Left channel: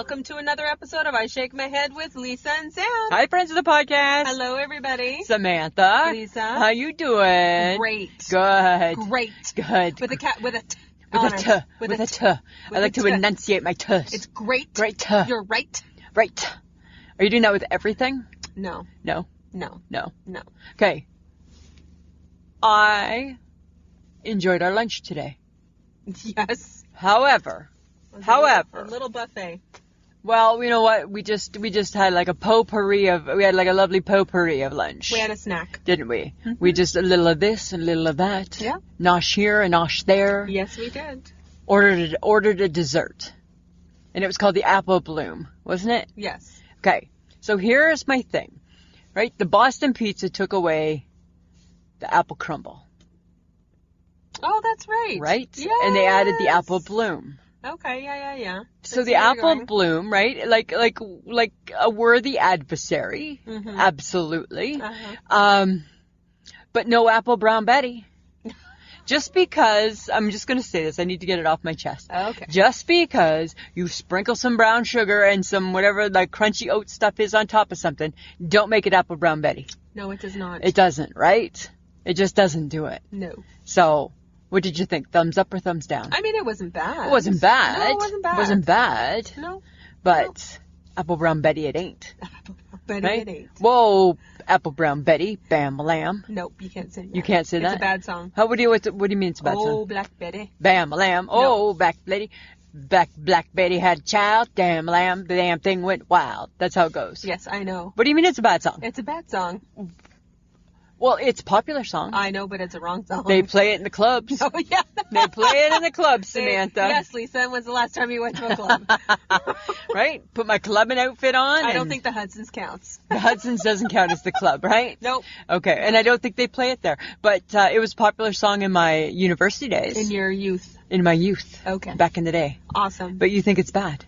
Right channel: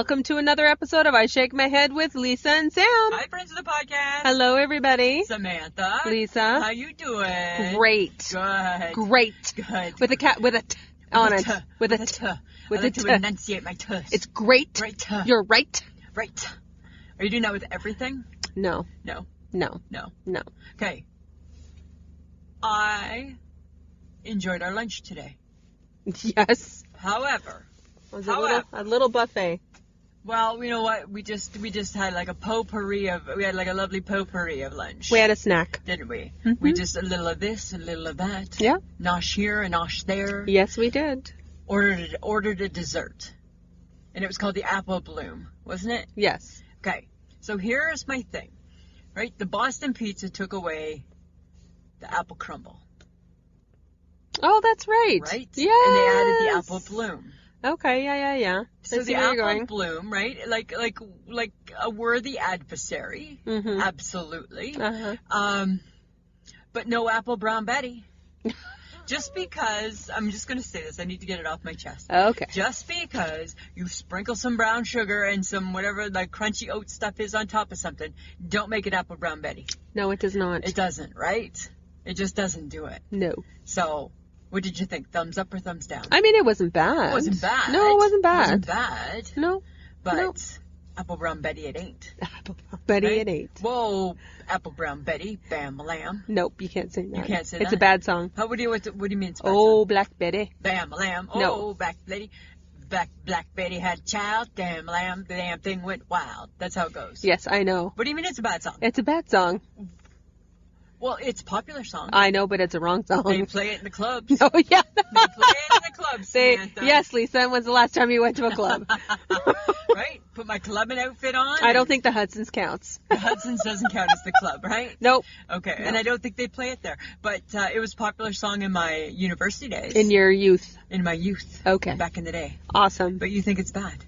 welcome to another episode of I Shake My Head with Lisa and Sam. Hi, friends of the podcast. Hello, everybody. Samantha. Lisa. How you doing? Great. Good. Great. Good. With a cat, with a t on it. With a t. I like to enunciate my t's. It's great. Great. You're right. Right. Are you doing that with everything? No. No. No. No. No. Okay. I enjoyed our lunch today. Yes. However, A little buffet. well, you know what? We just had like a lovely potpourri of lunch. We had a snack. Didn't we? Mm-hmm. We just a little of this and a little of that. Yeah. Nosh here and nosh there. Yes, we did. Ordered a dessert. And it was called the apple bloom, wasn't it? Yes. Okay. So here's my thing. Right? The Boston pizza took away the apple crumble. Oh, that's right. Right? Yes. And they added the apple bloom. Okay, yeah. So the apple bloom, right? Like a worthy adversary. Mm-hmm. Absolutely. Uh-huh. But no apple brown Betty. Just because, I'm just going to say this, I need to get it off my chest. Okay. Just because you sprinkle some brown sugar and some whatever the crunchy oat stuff is on top of something, don't make it apple brown Betty. No, it does not. It doesn't, right? It just doesn't do it. No. So, what did you think? Thumbs up or thumbs down? I mean, it wasn't bad. It wasn't bad. No, it wasn't bad. It wasn't bad. No. But apple brown Betty it ain't. Apple Betty Right? it ain't. Whoa, apple brown Betty, bam lamb. Nope, you can't say that. You can't say that? It's a bad song. What do you mean it's a bad Oh, song? Black Betty. Bam lamb. Oh, Black Betty had a child. Damn lamb, the damn thing went wild. That's how it goes. Yes, I know. What do you mean it's a bad song? It's a bad song. Well, it's a popular song. I know, but it's a wrong song. They play it in the clubs. Oh, yeah. They play it in the clubs, Samantha. Yes, Lisa. When's the last time you went to a club? Right? Put my clubbing outfit on. I don't think the Hudson's counts. The Hudson's doesn't count as the club, right? Nope. Okay, and I don't think they play it there. But it was a popular song in my university days. In your youth. In my youth. Okay. Back in the day. Awesome. But you think it's bad?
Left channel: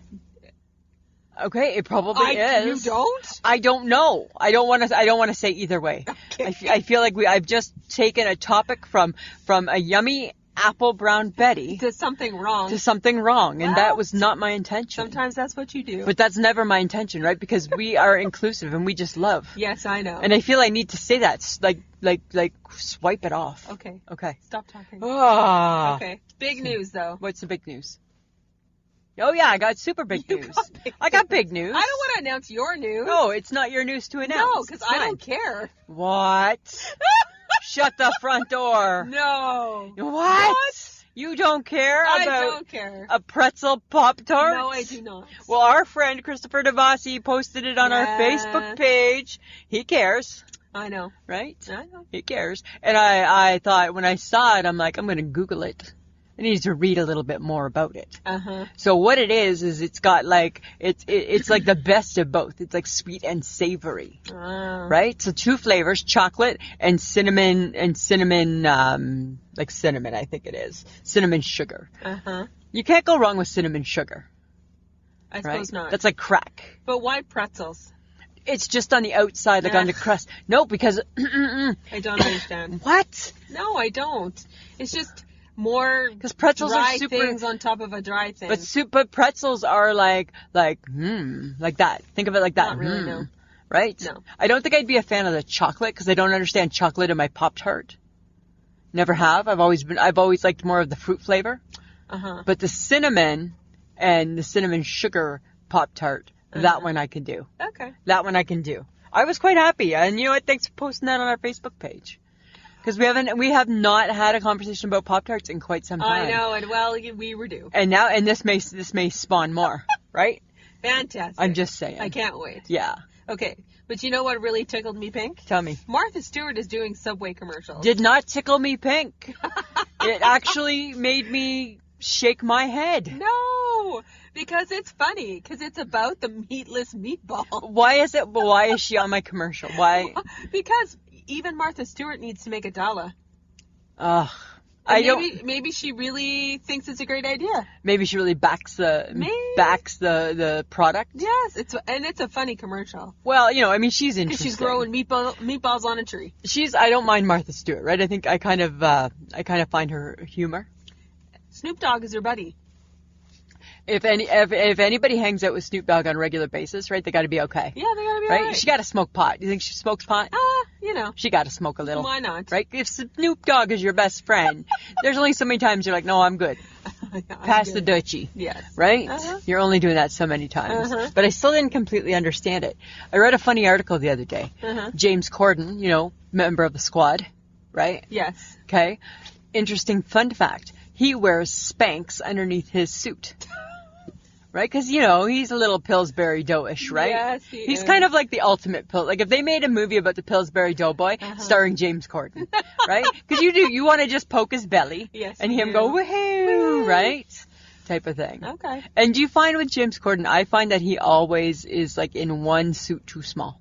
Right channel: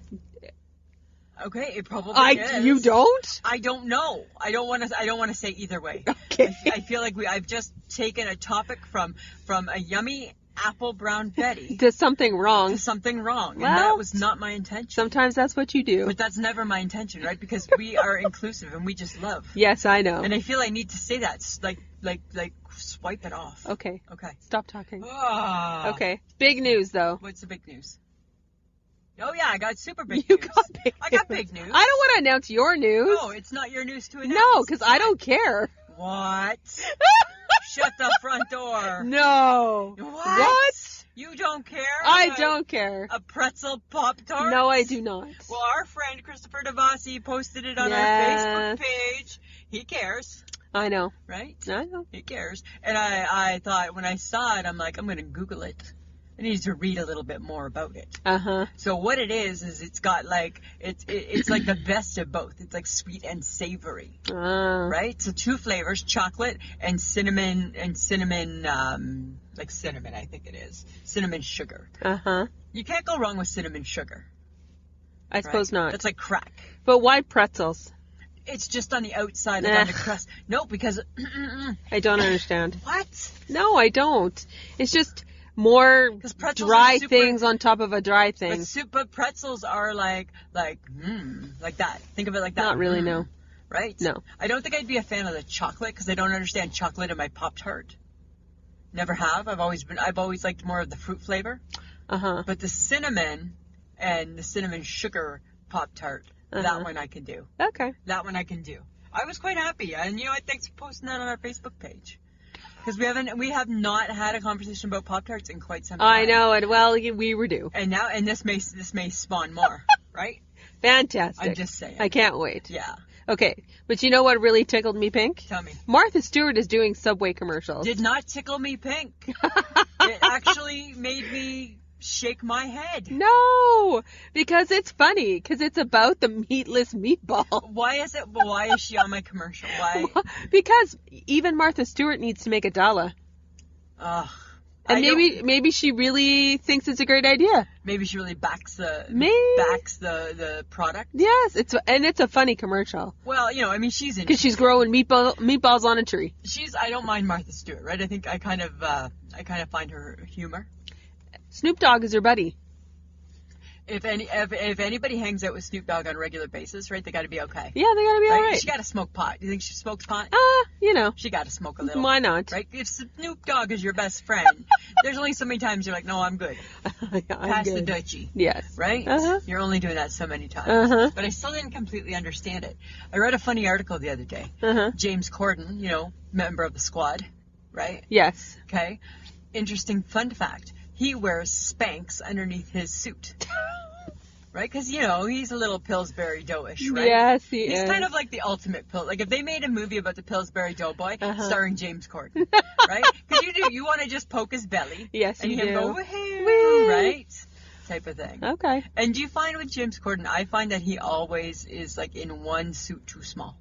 Okay, it probably is. You don't? I don't know. I don't want to say either way. Okay. I feel like I've just taken a topic from a yummy apple brown Betty To something wrong. to something wrong, and Well, that was not my intention. Sometimes that's what you do. But that's never my intention, right? Because we are inclusive and we just love. Yes, I know. And I feel I need to say that, like swipe it off. Okay. Okay. Stop talking. Ah. Okay. Big news, though. What's the big news? Oh yeah, I got super big You news. got big I got news. big news. I don't want to announce your news. No, it's not your news to announce. No, because It's I mine. don't care. What? Shut the front door. No. What? You don't care? I about don't care. A pretzel Pop-tart? No, I do not. Well, our friend Christopher DeVossi posted it on our Yes. Facebook page. He cares, I know. right? I know. He cares. And I thought when I saw it, I'm like, I'm going to Google it. I need to read a little bit more about it. Uh-huh. So what it is it's got like, it's like the best of both. It's like sweet and savory. Right? So 2 flavors, chocolate and cinnamon, like cinnamon, I think it is. Cinnamon sugar. Uh-huh. You can't go wrong with cinnamon sugar. I suppose right? not. That's like crack. But why pretzels? It's just on the outside, like on the crust. No, because... I don't understand. What? No, I don't. It's just more pretzels dry are super, things on top of a dry thing. But pretzels are like that. Think of it like that. Not really, no. Right? No. I don't think I'd be a fan of the chocolate because I don't understand chocolate in my Pop-Tart. Never have. I've always liked more of the fruit flavor. Uh-huh. But the cinnamon and the cinnamon sugar Pop-Tart, that one I can do. Okay. That one I can do. I was quite happy. And you know what? Thanks for posting that on our Facebook page. Because we have not had a conversation about Pop-Tarts in quite some time. I know, and well, we were due. And this may spawn more, right? Fantastic. I'm just saying. I can't wait. Yeah. Okay, but you know what really tickled me pink? Tell me. Martha Stewart is doing Subway commercials. Did not tickle me pink. It actually made me shake my head. No, because it's funny, because it's about the meatless meatball. Why is she on my commercial? Why? Because even Martha Stewart needs to make a dollar. Ugh. And maybe she really thinks it's a great idea. Maybe she really backs the product. Yes, it's a funny commercial. Well, she's interesting. Because she's growing meatballs on a tree. I don't mind Martha Stewart, right? I think I kind of find her humor. Snoop Dogg is her buddy. If anybody hangs out with Snoop Dogg on a regular basis, right, they got to be okay. Yeah, they gotta be right. alright. She got to smoke pot. You think she smokes pot? You know. She got to smoke a little. Why not? Right? If Snoop Dogg is your best friend, there's only so many times you're like, no, I'm good. Pass the Dutchie. Yes. Right? Uh-huh. You're only doing that so many times. Uh-huh. But I still didn't completely understand it. I read a funny article the other day. Uh-huh. James Corden, member of the Squad, right? Yes. Okay. Interesting fun fact. He wears Spanx underneath his suit. Right? Because, he's a little Pillsbury Doughish, right? Yes, he's kind of like the ultimate pill. Like, if they made a movie about the Pillsbury Doughboy starring James Corden, right? Because you want to just poke his belly. Yes, and you him do. go, woohoo, right? Type of thing. Okay. And do you find with James Corden, I find that he always is, like, in one suit too small.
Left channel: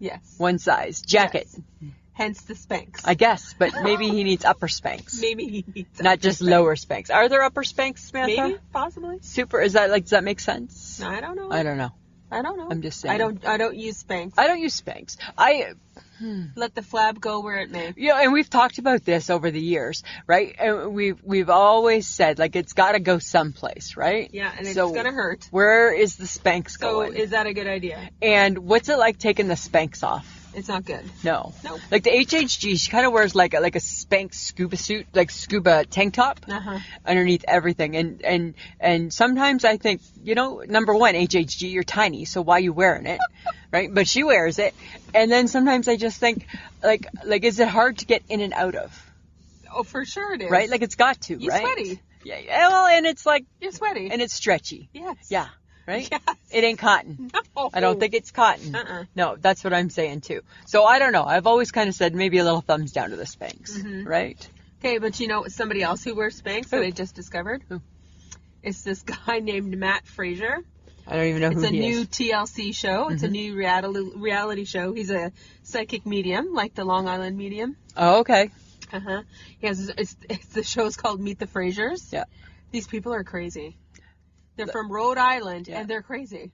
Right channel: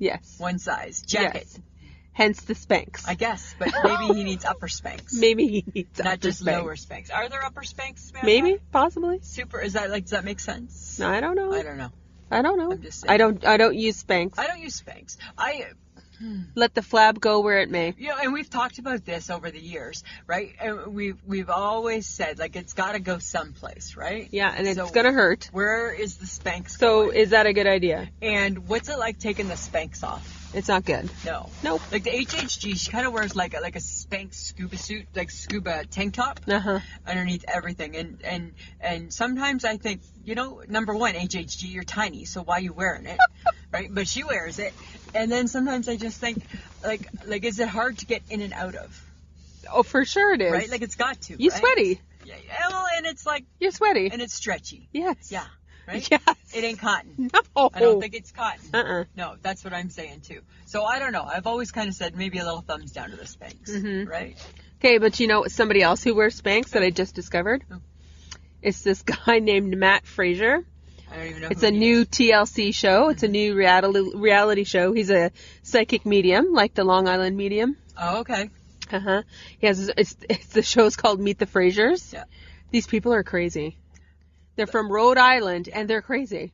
Yes. One size. Jacket. Yes. Hence the Spanx. I guess, but maybe he needs upper Spanx. Maybe he needs Not just lower Spanx. Are there upper Spanx, Samantha? Maybe, possibly. Super, does that make sense? No, I don't know. I don't know. I'm just saying. I don't use Spanx. I don't use Spanx. Let the flab go where it may. And we've talked about this over the years, right? And we've always said, like, it's got to go someplace, right? Yeah, and it's gonna hurt. Where is the Spanx going? So is that a good idea? And what's it like taking the Spanx off? It's not good. No. Nope. Like the HHG, she kind of wears like a Spanx scuba suit, like scuba tank top underneath everything. And sometimes I think, number one, HHG, you're tiny, so why are you wearing it? Right? But she wears it. And then sometimes I just think, like, is it hard to get in and out of? Oh, for sure it is. Right? Like, it's got to, You're right? sweaty. Yeah, well, and it's like... You're sweaty. And it's stretchy. Yes. Yeah. Right? Yes. It ain't cotton. No. I don't think it's cotton. Uh-uh. No, that's what I'm saying, too. So, I don't know. I've always kind of said maybe a little thumbs down to the Spanx. Right? Okay, but somebody else who wears Spanx that I just discovered? Who? It's this guy named Matt Fraser. I don't even know who It's a he new is. TLC show. It's a new reality show. He's a psychic medium, like the Long Island medium. Oh, okay. He has the show's called Meet the Frasers. Yeah. These people are crazy. They're from Rhode Island and they're crazy.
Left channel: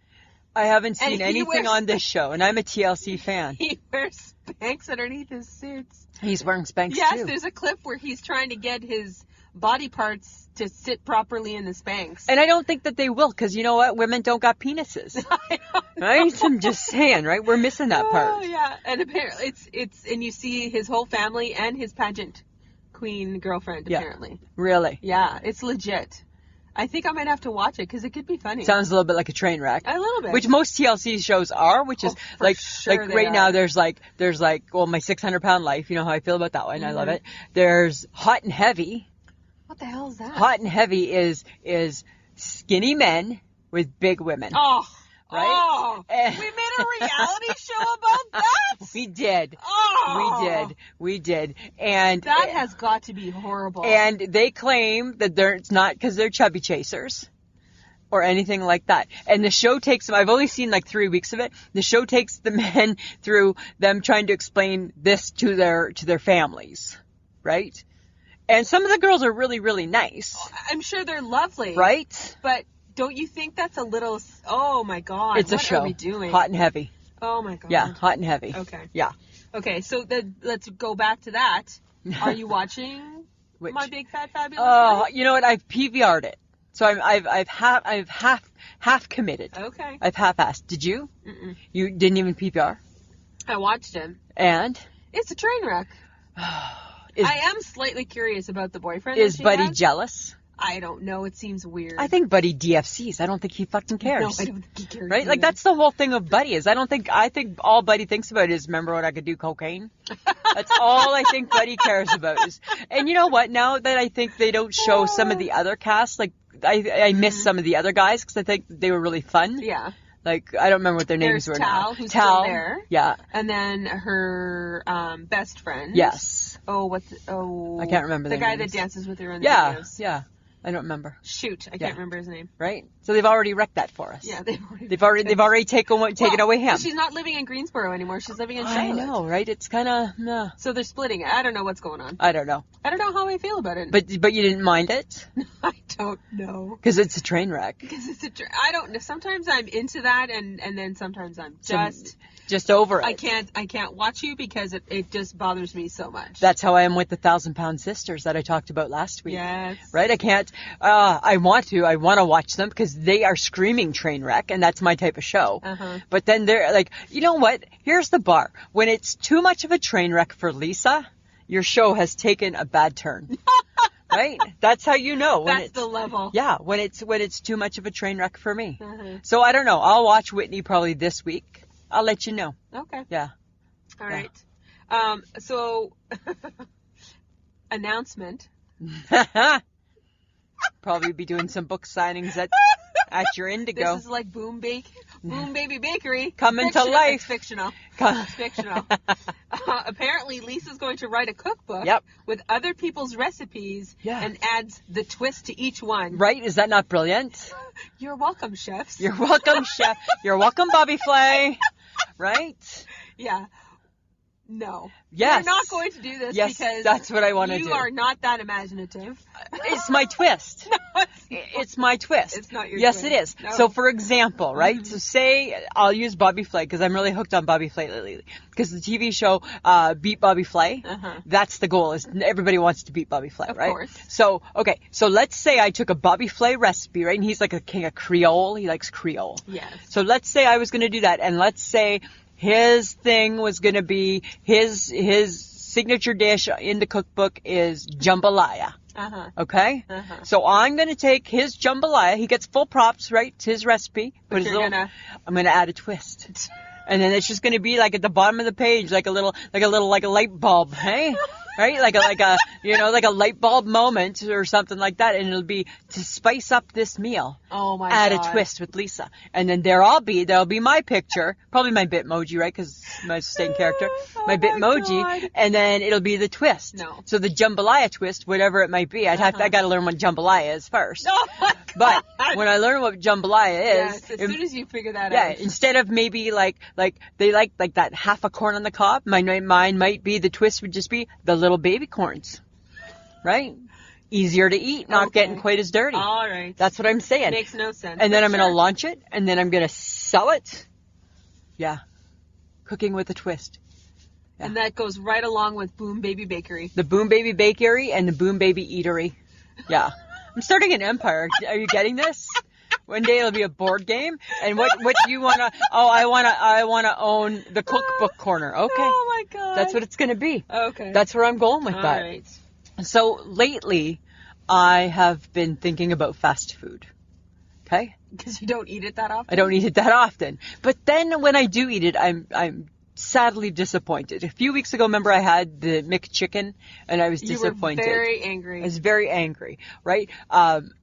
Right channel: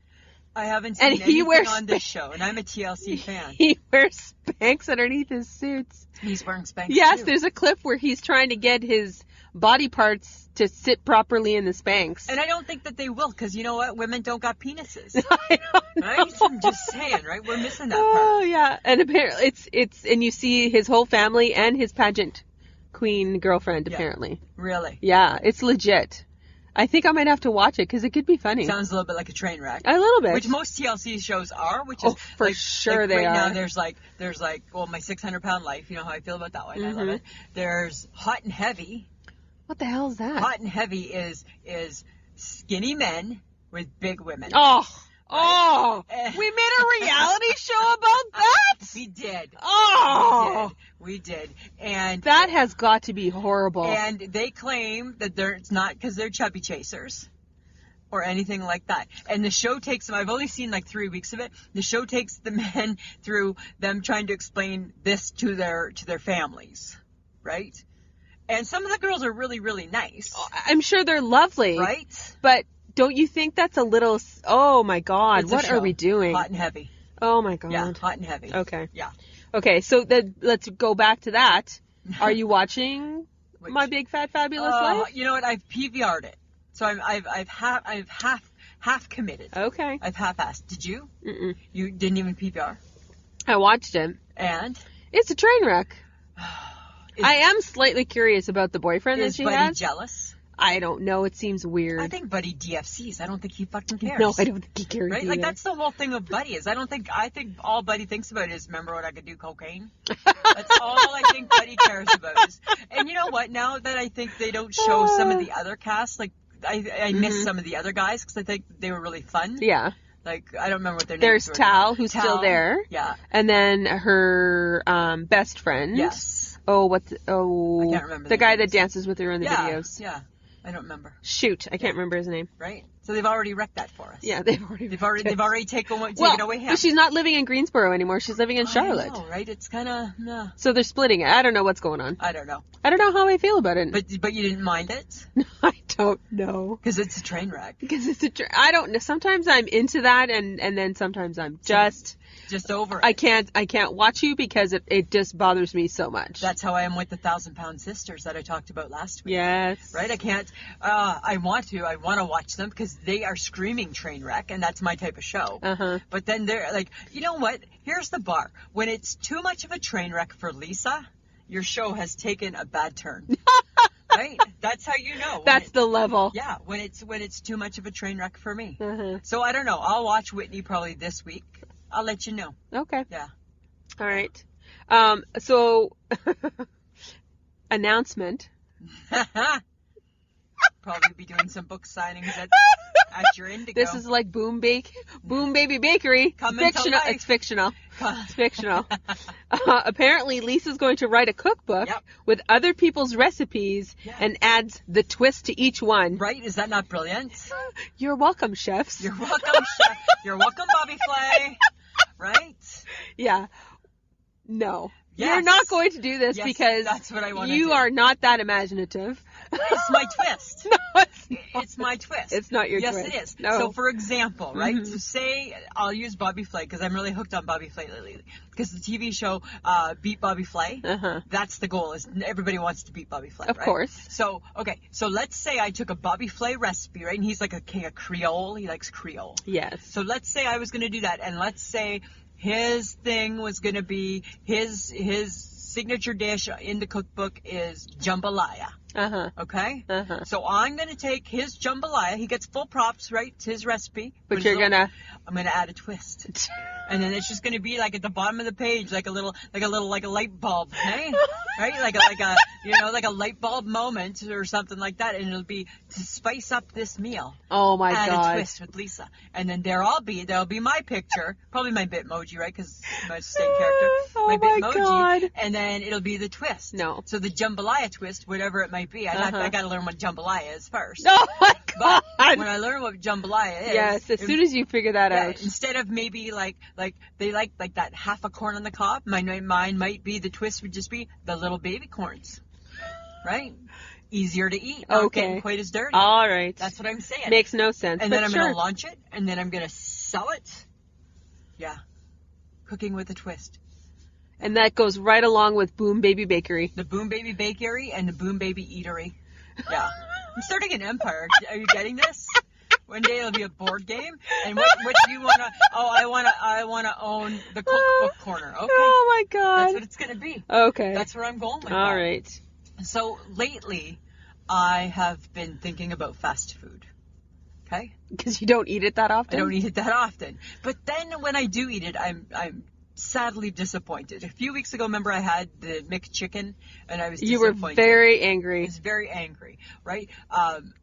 I haven't seen anything wears on this show, and I'm a TLC fan. He wears Spanx underneath his suits. He's wearing Spanx, Yes, too. there's a clip where he's trying to get his body parts to sit properly in the Spanx. And I don't think that they will, because you know what? Women don't got penises. I don't know. Right? I'm just saying, right? We're missing that Oh, part. yeah. And apparently and you see his whole family and his pageant queen girlfriend, apparently. Really? Yeah, it's legit. I think I might have to watch it because it could be funny. Sounds a little bit like a train wreck. A little bit. Which most TLC shows are, which is for like, sure like they right are. now there's like, well, My 600-Pound Life, you know how I feel about that one. I love it. There's Hot and Heavy. What the hell is that? Hot and Heavy is skinny men with big women. Oh. Right? Oh. We made a reality show about that? We did. Oh. We did. And That has got to be horrible. And they claim that it's not because they're chubby chasers or anything like that. And the show takes them, I've only seen like 3 weeks of it. The show takes the men through them trying to explain this to their families, right? And some of the girls are really, really nice. I'm sure they're lovely. Right? But don't you think that's a little, oh my God, It's a what show. are we doing? Hot and Heavy. Oh my God. Yeah, Hot and Heavy. Okay. Yeah. Okay, so let's go back to that. Are you watching My Big Fat Fabulous Life? You know what? I've PVR'd it. So I've half committed. Okay. I've half-assed. Did you? Mm-mm. You didn't even PVR? I watched it. And? It's a train wreck. I am slightly curious about the boyfriend that Is she Buddy has. jealous? I don't know. It seems weird. I think Buddy DFCs. I don't think he fucking cares. No, I don't think he cares. Right? either. Like, that's the whole thing of Buddy is I think all Buddy thinks about is, remember when I could do cocaine? That's all I think Buddy cares about is. And you know what? Now that I think they don't show some of the other cast, like, I miss some of the other guys because I think they were really fun. Yeah. Like, I don't remember what their names There's were Tal, now. who's still there. Yeah. And then her best friend. Yes. Oh, I can't remember the their guy names. that dances with her in the Yeah. videos. Yeah. I don't remember. Shoot, I can't remember his name. Right? So they've already wrecked that for us. Yeah, they've already taken away him. She's not living in Greensboro anymore. She's living in Charlotte. I know, right? It's kind of So they're splitting it. I don't know what's going on. I don't know. I don't know how I feel about it. But you didn't mind it? I don't know. Because it's a train wreck. Because it's I don't know. Sometimes I'm into that, and then sometimes I'm just over it. I can't watch you because it just bothers me so much. That's how I am with the 1,000-Pound Sisters that I talked about last week. Yes. Right? I can't. I want to watch them because they are screaming train wreck, and that's my type of show. But then they're like, you know what? Here's the bar. When it's too much of a train wreck for Lisa, your show has taken a bad turn. Right? That's how you know. That's the level. Yeah, when it's too much of a train wreck for me. So I don't know. I'll watch Whitney probably this week. I'll let you know. Okay. Yeah. All right. So announcement. Probably be doing some book signings at your Indigo. This is like Boom Baby Bakery. Coming to life. It's fictional. It's fictional. Apparently, Lisa's going to write a cookbook with other people's recipes and adds the twist to each one. Right? Is that not brilliant? You're welcome, chefs. You're welcome, chef. You're welcome, Bobby Flay. Right? Yeah. No. Yes. You're not going to do this because that's what I want to do. You are not that imaginative. It's my twist. No, it's my twist. It's not your twist. twist. Yes, it is. No. So, for example, right? So, say I'll use Bobby Flay because I'm really hooked on Bobby Flay lately. Because the TV show Beat Bobby Flay, that's the goal. Is everybody wants to beat Bobby Flay, right? Of course. So, okay. So let's say I took a Bobby Flay recipe, right? And he's like a king of Creole. He likes Creole. Yes. So let's say I was going to do that, and let's say his thing was going to be his signature dish in the cookbook is jambalaya. Okay? So I'm going to take his jambalaya. He gets full props, right? It's his recipe. But I'm going to add a twist. And then it's just going to be like at the bottom of the page, like a light bulb, hey? Right? Like a light bulb moment or something like that. And it'll be to spice up this meal. Oh my God. God. Add a twist with Lisa. And then there'll be my picture, probably my Bitmoji, right? Because my staying character, my Bitmoji. God. And then it'll be the twist. No. So the jambalaya twist, whatever it might be. I got to learn what jambalaya is first. Oh my God. But when I learn what jambalaya is. Yes, as soon as you figure that out. Instead of maybe like they like that half a corn on the cob, mine might be the twist would just be the little baby corns. Right? Easier to eat, not getting quite as dirty. All right. That's what I'm saying. Makes no sense. And then I'm going to launch it, and then I'm going to sell it. Yeah. Cooking with a twist. Yeah. And that goes right along with Boom Baby Bakery. The Boom Baby Bakery and the Boom Baby Eatery. Yeah. I'm starting an empire. Are you getting this? One day it'll be a board game. And what do you want to... Oh, I want to own the cookbook corner. Okay. Oh, my God. That's what it's going to be. Okay. That's where I'm going with that. All right. So lately, I have been thinking about fast food. Okay? Because you don't eat it that often? I don't eat it that often. But then when I do eat it, I'm sadly disappointed. A few weeks ago, remember I had the McChicken, and I was disappointed. You were very angry. I was very angry, right?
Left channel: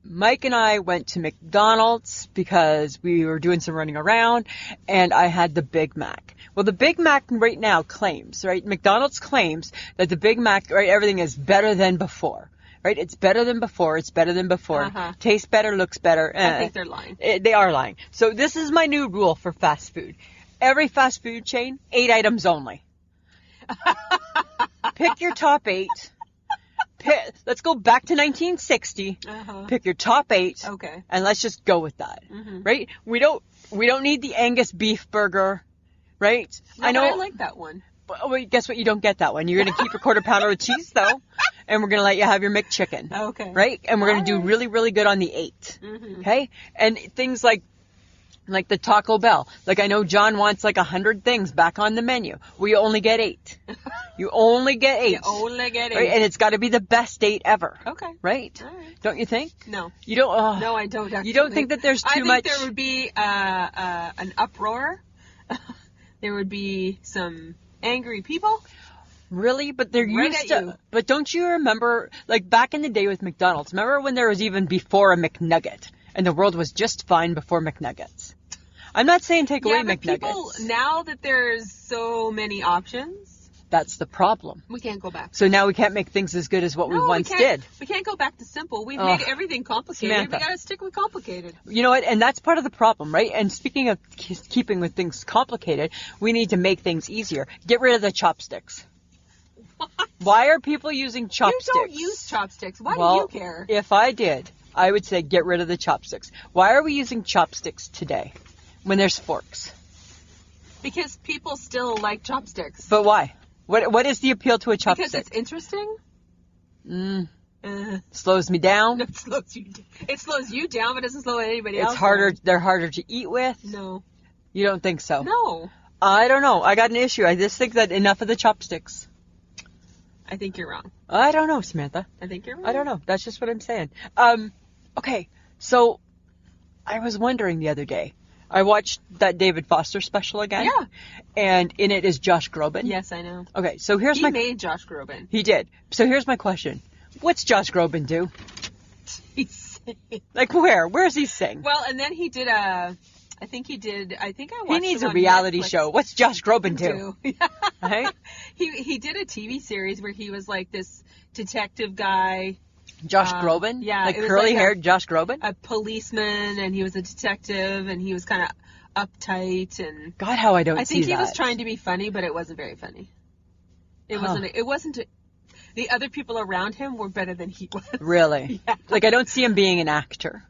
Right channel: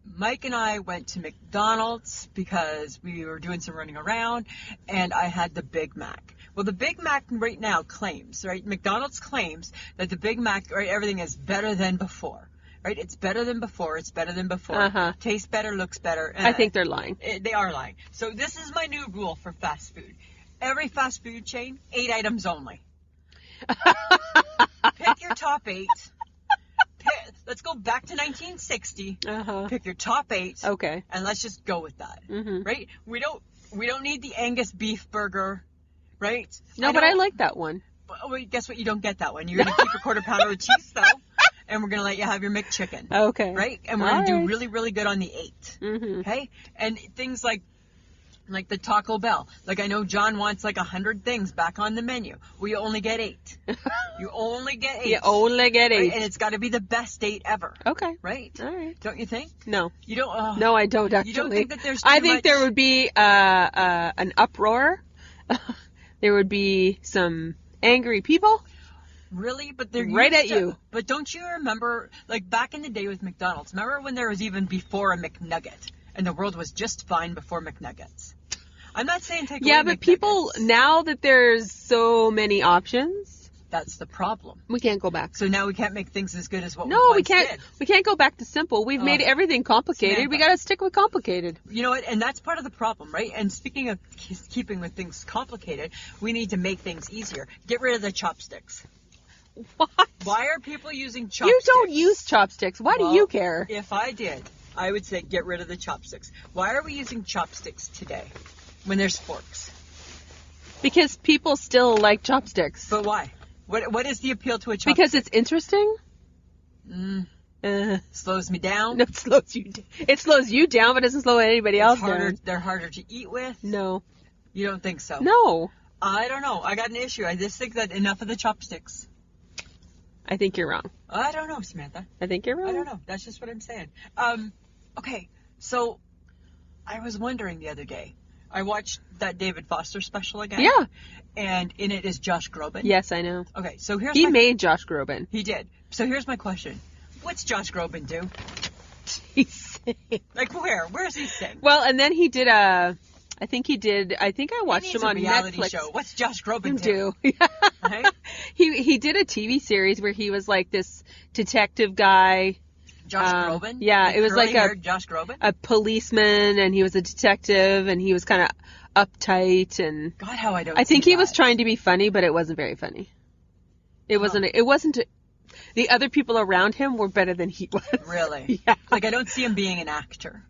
Mike and I went to McDonald's because we were doing some running around, and I had the Big Mac. Well, the Big Mac right now claims, right? McDonald's claims that the Big Mac, right, everything is better than before. Right? It's better than before. It's better than before. Tastes better, looks better. I think they're lying. They are lying. So this is my new rule for fast food. Every fast food chain, 8 items only. Pick your top 8. Let's go back to 1960. Pick your top 8. Okay. And let's just go with that. Right? We don't need the Angus beef burger. Right? No, but I like that one. Well, guess what? You don't get that one. You're going to keep your quarter pounder with cheese, though. And we're going to let you have your McChicken. Okay. Right? And we're going to do really, really good on the 8. Okay? And things like the Taco Bell. Like, I know John wants 100 things back on the menu. Well, you only get 8. You only get 8. You only get 8. Right? And it's got to be the best 8 ever. Okay. Right? All right. Don't you think? No. You don't? No, I don't actually. You don't think that there's too much? I think there would be an uproar. There would be some angry people. Really? But they're right used at to, you. But don't you remember, back in the day with McDonald's, remember when there was even before a McNugget, and the world was just fine before McNuggets? I'm not saying take away McNuggets. Yeah, but people, now that there's so many options, That's the problem. We can't go back. So now we can't make things as good as what we once did. We can't go back to simple. We've made everything complicated. Samantha. We got to stick with complicated. You know what? And that's part of the problem, right? And speaking of keeping with things complicated, we need to make things easier. Get rid of the chopsticks. What? Why are people using chopsticks? You don't use chopsticks. Why do you care? If I did, I would say get rid of the chopsticks. Why are we using chopsticks today when there's forks? Because people still like chopsticks. But why? What is the appeal to a chopstick? Because it's interesting. Slows me down. No, it slows you down, but it doesn't slow anybody else down. They're harder to eat with. No. You don't think so? No. I don't know. I got an issue. I just think that enough of the chopsticks. I think you're wrong. I don't know, Samantha. I think you're wrong. I don't know. That's just what I'm saying. Okay. So I was wondering the other day. I watched that David Foster special again. Yeah. And in it is Josh Groban. Yes, I know. Okay, so He made Josh Groban. He did. So here's my question. What's Josh Groban do? He sing. Like where? Where does he sing? Well, and then he did I think I watched He needs him a on reality Netflix. show. What's Josh Groban do? Right? He did a TV series where he was like this detective guy. Josh Groban? Yeah, like it was curly-haired Josh Groban? A policeman, and he was a detective, and he was kind of uptight, and God, how I don't see I think he that. was trying to be funny, but it wasn't very funny. It wasn't. The other people around him were better than he was. Really? Yeah. Like I don't see him being an actor.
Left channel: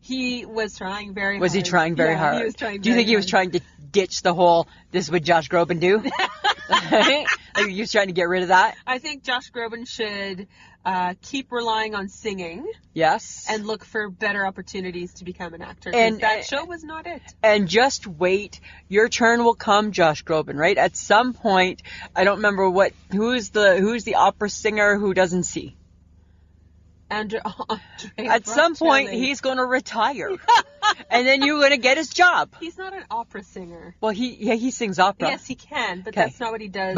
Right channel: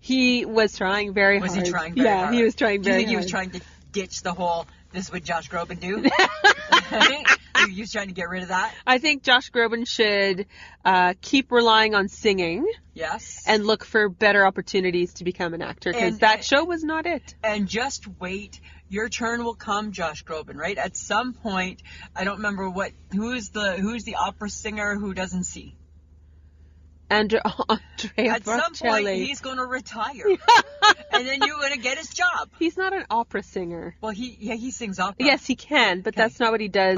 He was trying very hard. Was he trying very hard? He was trying very hard. Do you think he was trying to ditch the whole, this is what Josh Groban do? Like, he was trying to get rid of that? I think Josh Groban should keep relying on singing. Yes. And look for better opportunities to become an actor. Because that show was not it. And just wait. Your turn will come, Josh Groban, right? At some point, I don't remember who's the opera singer who doesn't see? Andrea At some point, he's going to retire. And then you're going to get his job. He's not an opera singer. Well, he sings opera. Yes, he can, but that's not what he does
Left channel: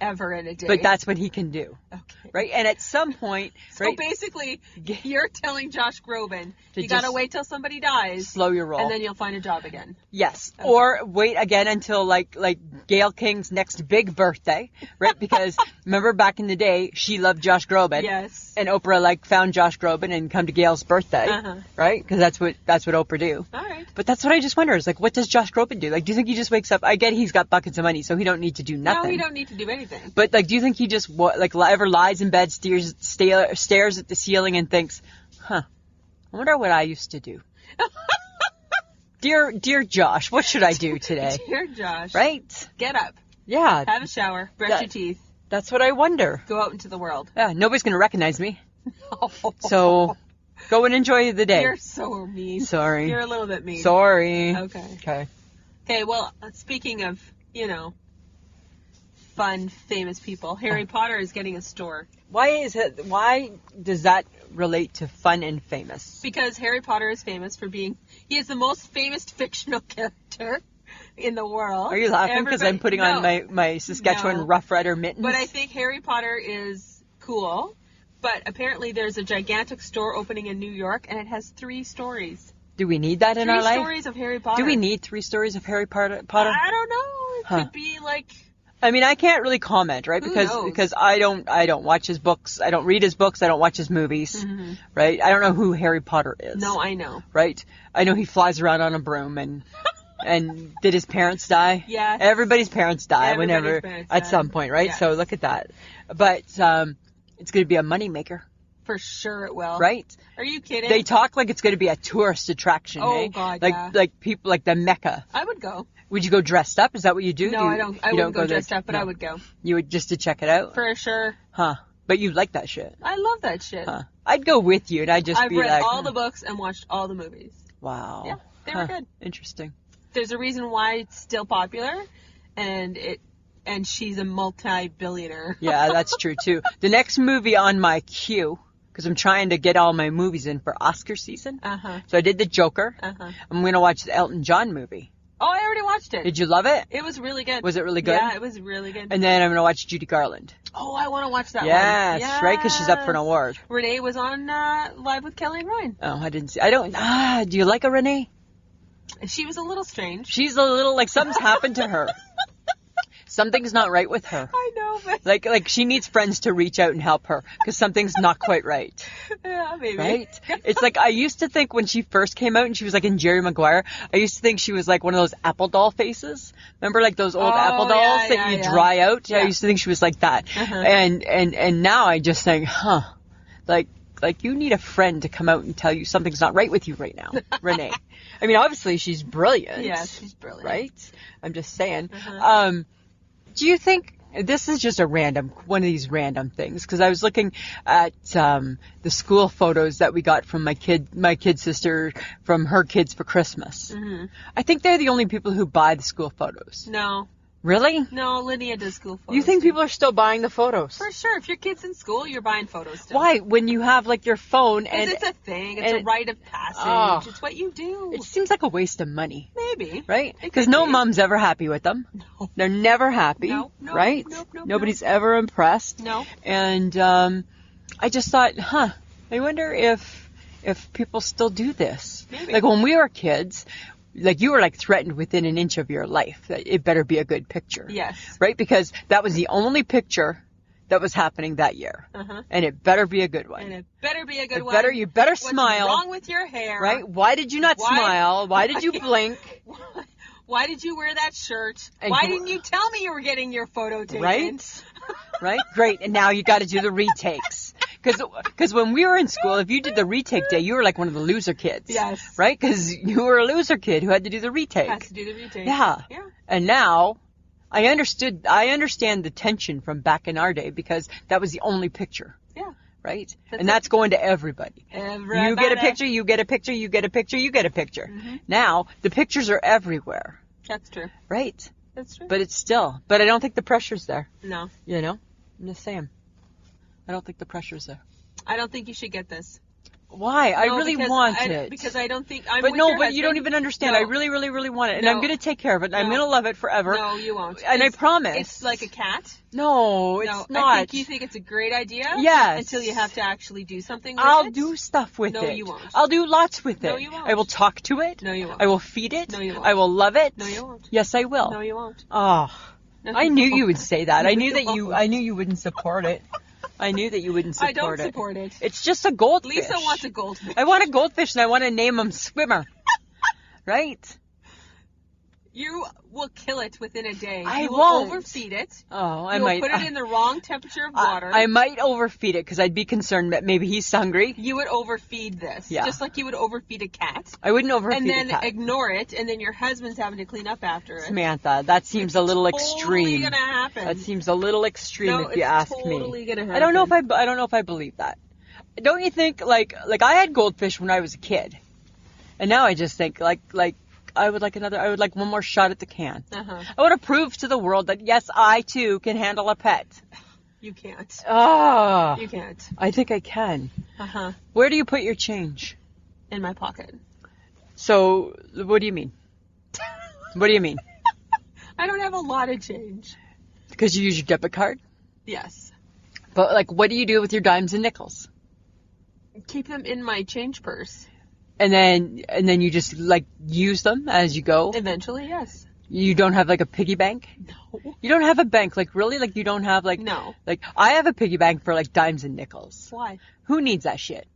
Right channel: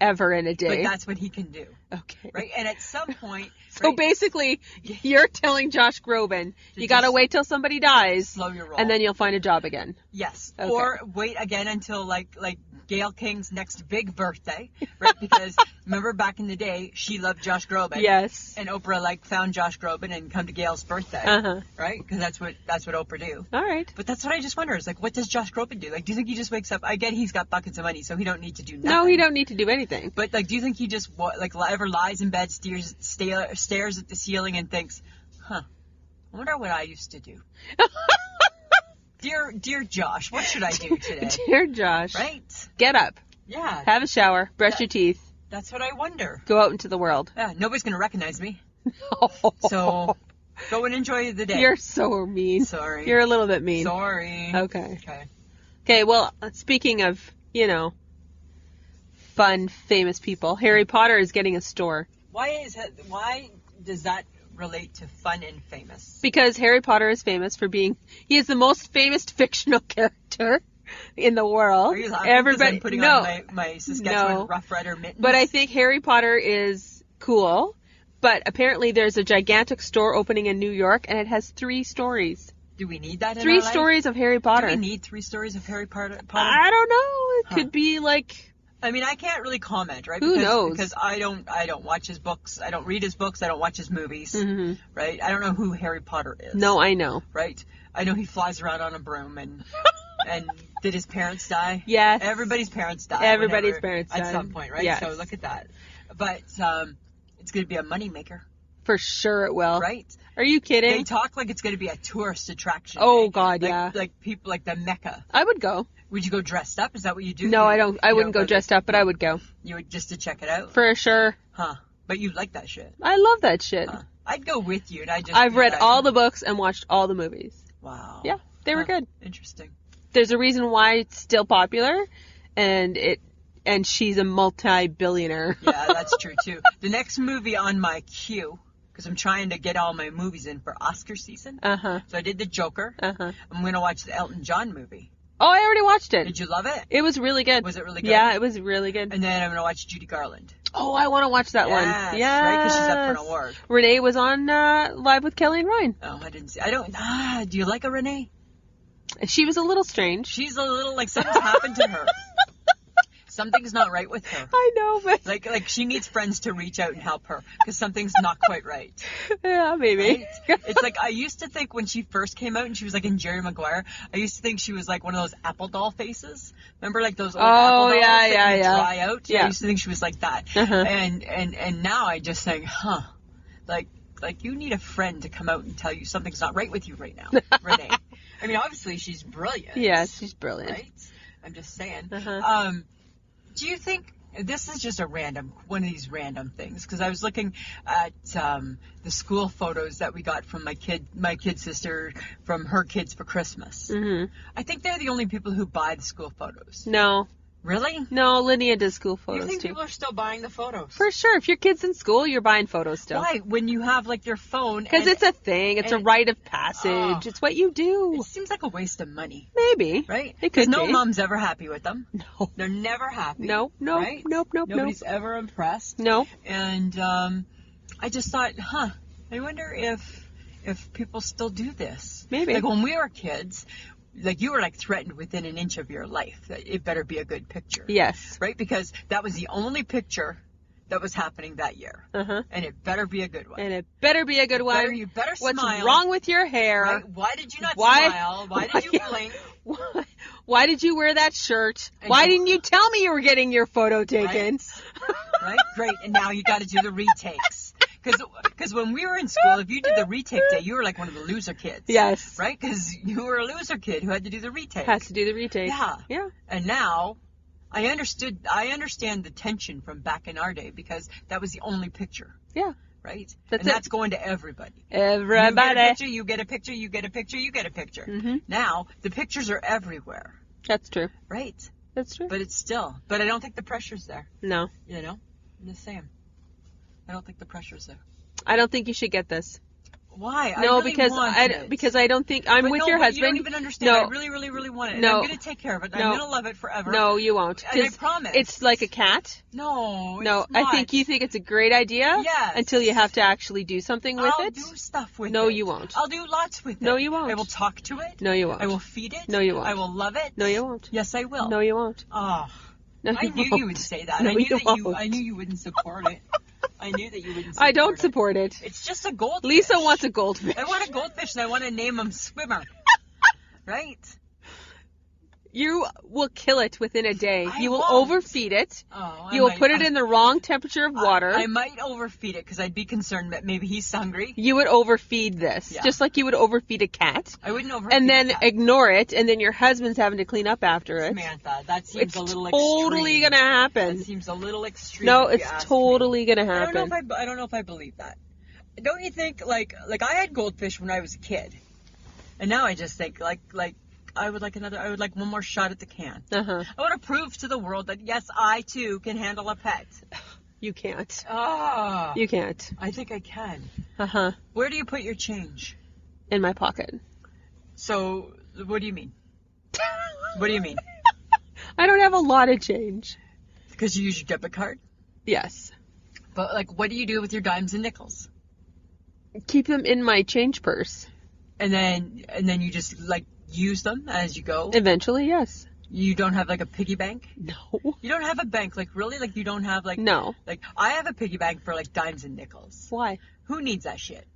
ever in a day. But that's what he can do. Okay. Right? And at some point... So basically, you're telling Josh Groban, you got to wait till somebody dies. Slow your roll. And then you'll find a job again. Yes. Okay. Or wait again until like Gayle King's next big birthday. Right? Because remember back in the day, she loved Josh Groban. Yes. And Oprah found Josh Groban and come to Gail's birthday. Right? Because that's what Oprah do. All right. But that's what I just wonder is what does Josh Groban do? Like, do you think he just wakes up? I get he's got buckets of money, so he don't need to do nothing. No, he don't need to do anything. But do you think he just ever lies in bed, stares at the ceiling and thinks, I wonder what I used to do. Dear Josh, what should I do today? Dear Josh. Right? Get up. Yeah. Have a shower. Brush your teeth. That's what I wonder. Go out into the world. Yeah, nobody's going to recognize me. No. So, go and enjoy the day. You're so mean. Sorry. You're a little bit mean. Sorry. Okay. Okay, well, speaking of, fun, famous people, Harry Potter is getting a store. Why does that relate to fun and famous? Because Harry Potter is famous for he is the most famous fictional character in the world. Are you laughing because I'm putting on my Saskatchewan Rough Rider mittens? But I think Harry Potter is cool. But apparently there's a gigantic store opening in New York, and it has 3 stories. Do we need that in our life? 3 stories of Harry Potter. Do we need 3 stories of Harry Potter? I don't know. It could be like... I mean, I can't really comment, right? Who knows? Because I don't watch his books. I don't read his books. I don't watch his movies. Mm-hmm. Right? I don't know who Harry Potter is. No, I know. Right? I know he flies around on a broom and did his parents die? Yes. Everybody's parents die. Everybody's parents die. At some point, right? Yes. So look at that. But it's going to be a moneymaker. For sure it will. Right? Are you kidding? They talk like it's going to be a tourist attraction. Oh, God, yeah. Like people, like the Mecca. I would go. Would you go dressed up? Is that what you do? No, I don't. I wouldn't go dressed up, but I would go. You would just to check it out? For sure. Huh. But you like that shit. I love that shit. Huh. I'd go with you, and I've read all the books and watched all the movies. Wow. Yeah, they were good. Interesting. There's a reason why it's still popular, and she's a multi-billionaire. Yeah, that's true too. The next movie on my queue, because I'm trying to get all my movies in for Oscar season. So I did the Joker. I'm going to watch the Elton John movie. Oh, I already watched it. Did you love it? It was really good. Was it really good? Yeah, it was really good. And then I'm going to watch Judy Garland. Oh, I want to watch that one. Yes, right? Because she's up for an award. Renee was on Live with Kelly and Ryan. Oh, I didn't see. Do you like a Renee? She was a little strange. She's a little, like, something's happened to her. Something's not right with her. I know, but... Like she needs friends to reach out and help her because something's not quite right. Yeah, maybe. Right? It's like I used to think when she first came out and she was like in Jerry Maguire, I used to think she was like one of those apple doll faces. Remember like those old apple dolls that you dry out? Yeah. I used to think she was like that. And now I just think, like you need a friend to come out and tell you something's not right with you right now, Renee. I mean, obviously she's brilliant. Yeah, she's brilliant. Right? I'm just saying. Do you think this is just one of these random things? Because I was looking at the school photos that we got from my kid sister from her kids for Christmas. I think they're the only people who buy the school photos. No. Really? No, Lydia does school photos. You think people are still buying the photos? For sure. If your kid's in school, you're buying photos still. Why? When you have like your phone because it's a thing. It's a rite of passage. It's what you do. It seems like a waste of money. Maybe. Right? Because no mom's ever happy with them. No. They're never happy. No. Right? Nope. Nobody's ever impressed. No. And I just thought, I wonder if people still do this. Maybe. Like when we were kids, like you were like threatened within an inch of your life that it better be a good picture. Yes. Right? Because that was the only picture that was happening that year. And it better be a good one. And it better be a good one. You better smile. What's wrong with your hair? Right? Why did you not smile? Why did you blink? Why did you wear that shirt? Why didn't you tell me you were getting your photo taken? Right? Right? Great. And now you got to do the retakes. Because when we were in school, if you did the retake day, you were like one of the loser kids. Yes. Right? Because you were a loser kid who had to do the retake. Has to do the retake. Yeah. Yeah. And now, I understand the tension from back in our day because that was the only picture. Yeah. Right? That's going to everybody. Everybody. You get a picture, you get a picture, you get a picture, you get a picture. Now, the pictures are everywhere. That's true. Right? That's true. But I don't think the pressure's there. No. You know? I'm just saying. I don't think the pressure's there. I don't think you should get this. Why? I really want it. Because I don't think I'm with your husband. But you don't even understand. No. I really, really, really want it. And I'm going to take care of it. I'm going to love it forever. No, you won't. And I promise. It's like a cat. No, it's not. I think you think it's a great idea. Yes. Until you have to actually do something with it. I'll do stuff with it. No, you won't. I'll do lots with it. No, you won't. I will talk to it. No, you won't. I will feed it. No, you won't. I will love it. No, you won't. Yes, I will. No, you won't. Oh. No, I knew you would say that. No, I knew you that won't. I knew you wouldn't support it. I knew that you wouldn't support it. I don't support it. It's just a goldfish. Lisa wants a goldfish. I want a goldfish and I want to name him Swimmer. Right? You will kill it within a day. You will won't. overfeed it. Oh, You will put it in the wrong temperature of water. I might overfeed it because I'd be concerned that maybe he's hungry. You would overfeed this. Yeah. Just like you would overfeed a cat. I wouldn't overfeed and then a cat. ignore it, and then your husband's having to clean up after it. Samantha, that seems a little extreme. It's totally gonna happen. That seems a little extreme. No, if you it's ask totally me. gonna happen. I don't know if I believe that. Don't you think like I had goldfish when I was a kid, and now I just think like I would like one more shot at the can. I want to prove to the world that yes, I too can handle a pet. You can't. Oh. You can't. I think I can. Uh-huh. Where do you put your change? In my pocket. So, what do you mean? What do you mean? I don't have a lot of change. Because you use your debit card? Yes. But like, what do you do with your dimes and nickels? Keep them in my change purse. And then you just like use them as you go? Eventually, yes. You don't have like a piggy bank? No. You don't have a bank? Like really? Like you don't have like... No. Like I have a piggy bank for like dimes and nickels. Why? Who needs that shit?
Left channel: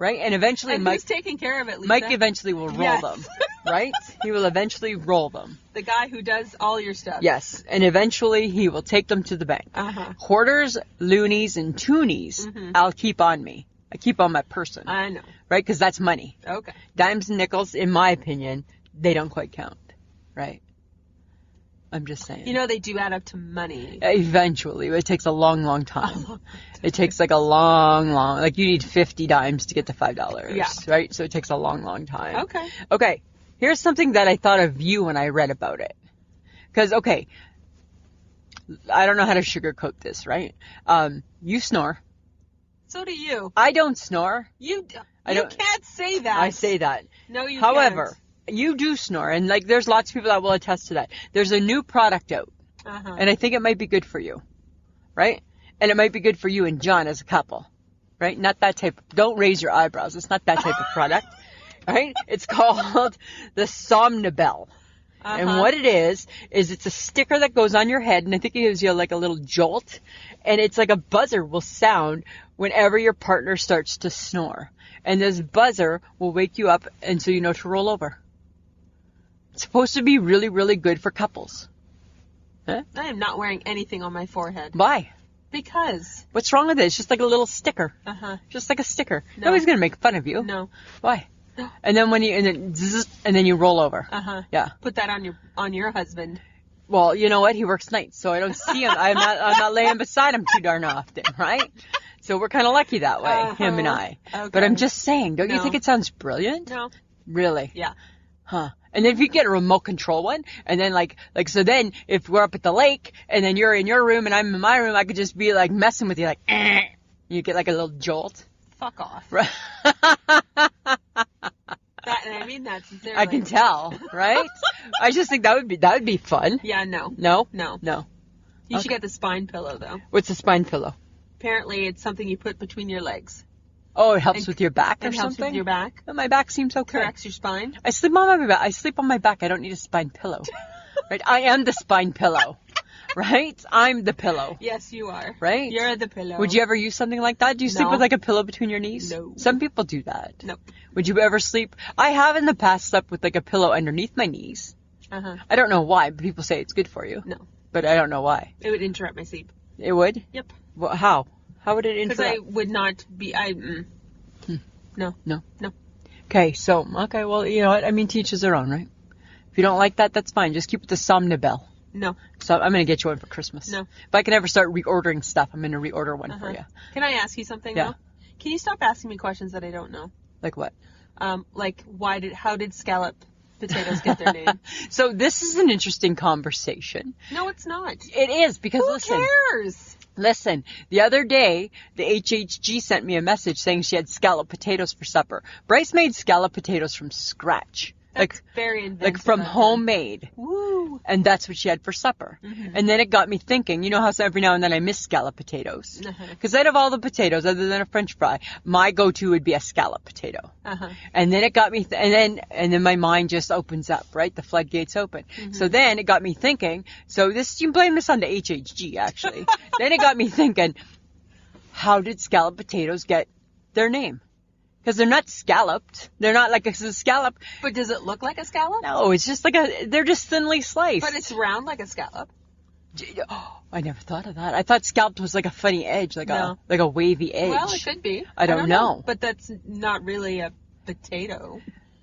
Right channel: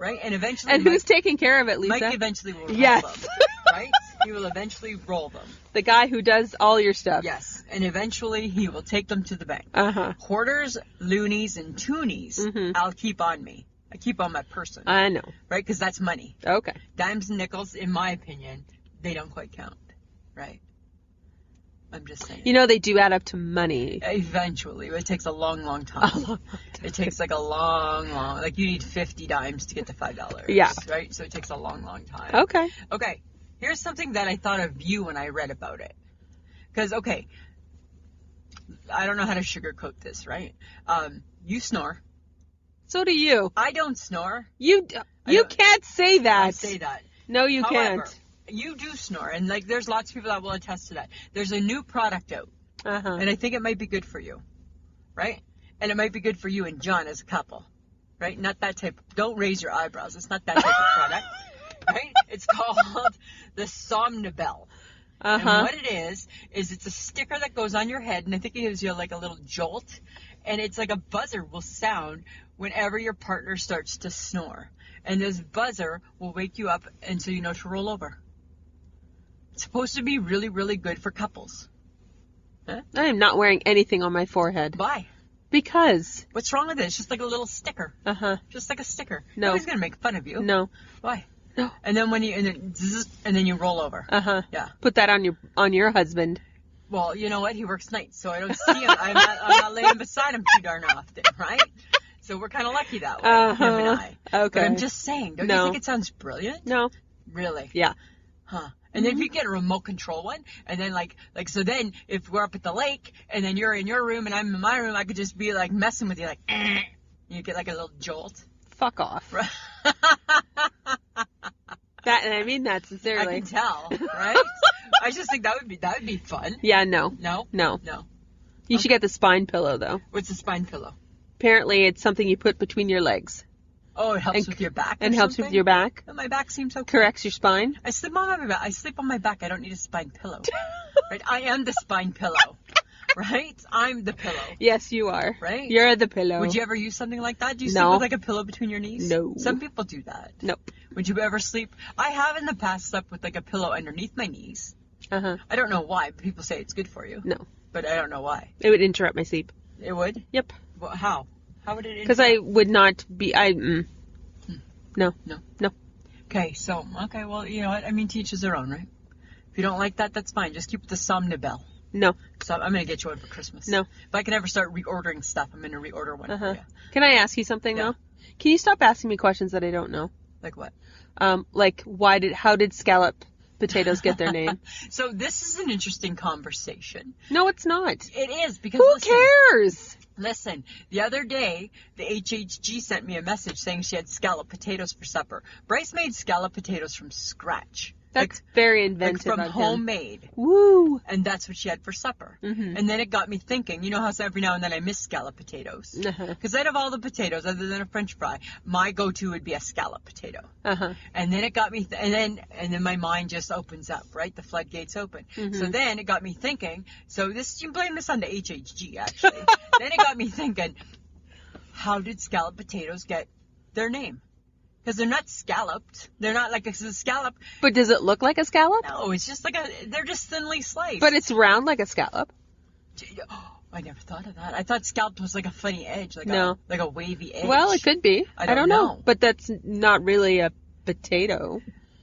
Right? And eventually and who's taking care of it, Lisa? Mike eventually will roll them. Right? He will eventually roll them. The guy who does all your stuff. Yes. And eventually he will take them to the bank. Quarters, loonies, and toonies I'll keep on me. I keep on my person. I know. Right? Because that's money. Okay. Dimes and nickels, in my opinion, they don't quite count. Right? I'm just saying. You know, they do add up to money. Eventually. It takes a long, long time. It takes like a long, like you need 50 dimes to get to $5. Yeah. Right? So it takes a long, long time. Okay. Okay. Here's something that I thought of you when I read about it. Because, okay, I don't know how to sugarcoat this, right? You snore. So do you. I don't snore. You can't say that. I say that. No, you However, can't. you do snore, and like there's lots of people that will attest to that. There's a new product out, and I think it might be good for you, right? And it might be good for you and John as a couple, right? Not that type. Don't raise your eyebrows. It's not that type of product, right? It's called the Somnibel. And what it is it's a sticker that goes on your head, and I think it gives you like a little jolt, and it's like a buzzer will sound whenever your partner starts to snore. And this buzzer will wake you up, and so you know to roll over. It's supposed to be really, really good for couples. Huh? I am not wearing anything on my forehead. Why? Because. What's wrong with it? It's just like a little sticker. Just like a sticker. No. Nobody's going to make fun of you. No. Why? No. And then and then you roll over. Yeah. Put that on your husband. Well, you know what? He works nights, so I don't see him. I'm not laying beside him too darn often, right? So we're kind of lucky that way, him and I. Okay. But I'm just saying, don't you think it sounds brilliant? No. Really? Yeah. Huh. And then if you get a remote control one, and then so then if we're up at the lake, and then you're in your room and I'm in my room, I could just be like messing with you, like, you get like a little jolt. Fuck off. Right. And I mean that sincerely. I can tell, right? I just think that would be fun. Yeah, no. No? No. No. You should get the spine pillow, though. What's a spine pillow? Apparently, it's something you put between your legs. Oh, it helps with your back or and helps something? with your back. Oh, my back seems okay. Corrects your spine. I sleep on my back. I sleep on my back. I don't need a spine pillow. Right? I am the spine pillow. Right? I'm the pillow. Yes, you are. Right? You're the pillow. Would you ever use something like that? Do you sleep with like a pillow between your knees? No. Some people do that. Nope. Would you ever sleep? I have in the past slept with like a pillow underneath my knees. I don't know why, but people say it's good for you. No. But I don't know why. It would interrupt my sleep. It would? Yep. Well, how? How would it interrupt? Because I would not be... No. No. Okay, well, you know what? I mean, to each his their own, right? If you don't like that, that's fine. Just keep it the Somnibel. No. So I'm going to get you one for Christmas. No. If I can ever start reordering stuff, I'm going to reorder one for you. Can I ask you something, though? Can you stop asking me questions that I don't know? Like what? Like, how did scalloped potatoes get their name? So this is an interesting conversation. No, it's not. It is, because Who cares? Listen, the other day, the HHG sent me a message saying she had scalloped potatoes for supper. Bryce made scalloped potatoes from scratch. That's very inventive. Like from homemade. Woo! And that's what she had for supper. And then it got me thinking, you know how every now and then I miss scalloped potatoes? Because out of all the potatoes, other than a French fry, my go-to would be a scalloped potato. And then it got me, and then my mind just opens up, right? The floodgates open. So then it got me thinking, you can blame this on the HHG, actually. Then it got me thinking, how did scalloped potatoes get their name? Because they're not scalloped. They're not like a scallop. But does it look like a scallop? No, it's just they're just thinly sliced. But it's round like a scallop. Oh, I never thought of that. I thought scalloped was like a funny edge, like a wavy edge. Well, it could be. I don't know. But that's not really a potato.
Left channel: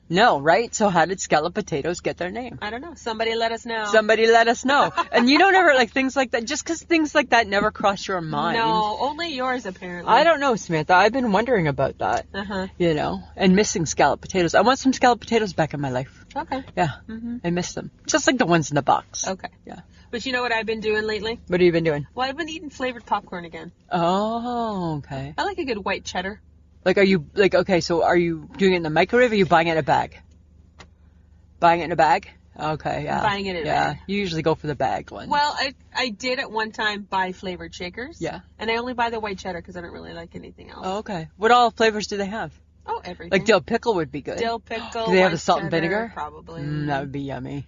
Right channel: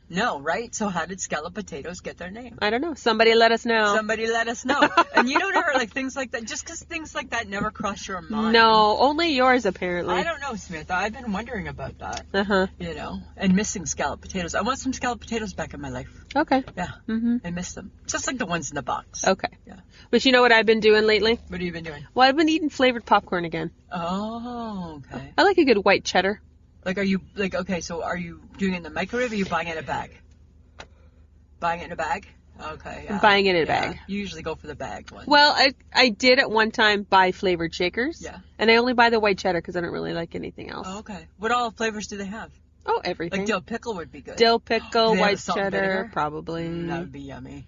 No, right? So how did scalloped potatoes get their name? I don't know. Somebody let us know. Somebody let us know. And you don't ever, things like that, just because things like that never cross your mind. No, only yours, apparently. I don't know, Samantha. I've been wondering about that. You know, and missing scalloped potatoes. I want some scalloped potatoes back in my life. Okay. Yeah. I miss them. Just like the ones in the box. Okay. Yeah. But you know what I've been doing lately? What have you been doing? Well, I've been eating flavored popcorn again. Oh, okay. I like a good white cheddar. Are you doing it in the microwave or are you buying it in a bag? Buying it in a bag? Okay, yeah. Buying it in a bag. You usually go for the bagged one. Well, I did at one time buy flavored shakers. Yeah. And I only buy the white cheddar because I don't really like anything else. Oh, okay. What all flavors do they have? Oh, everything. Like dill pickle would be good. Dill pickle, do they white have the salt cheddar, and vinegar? probably. That would be yummy.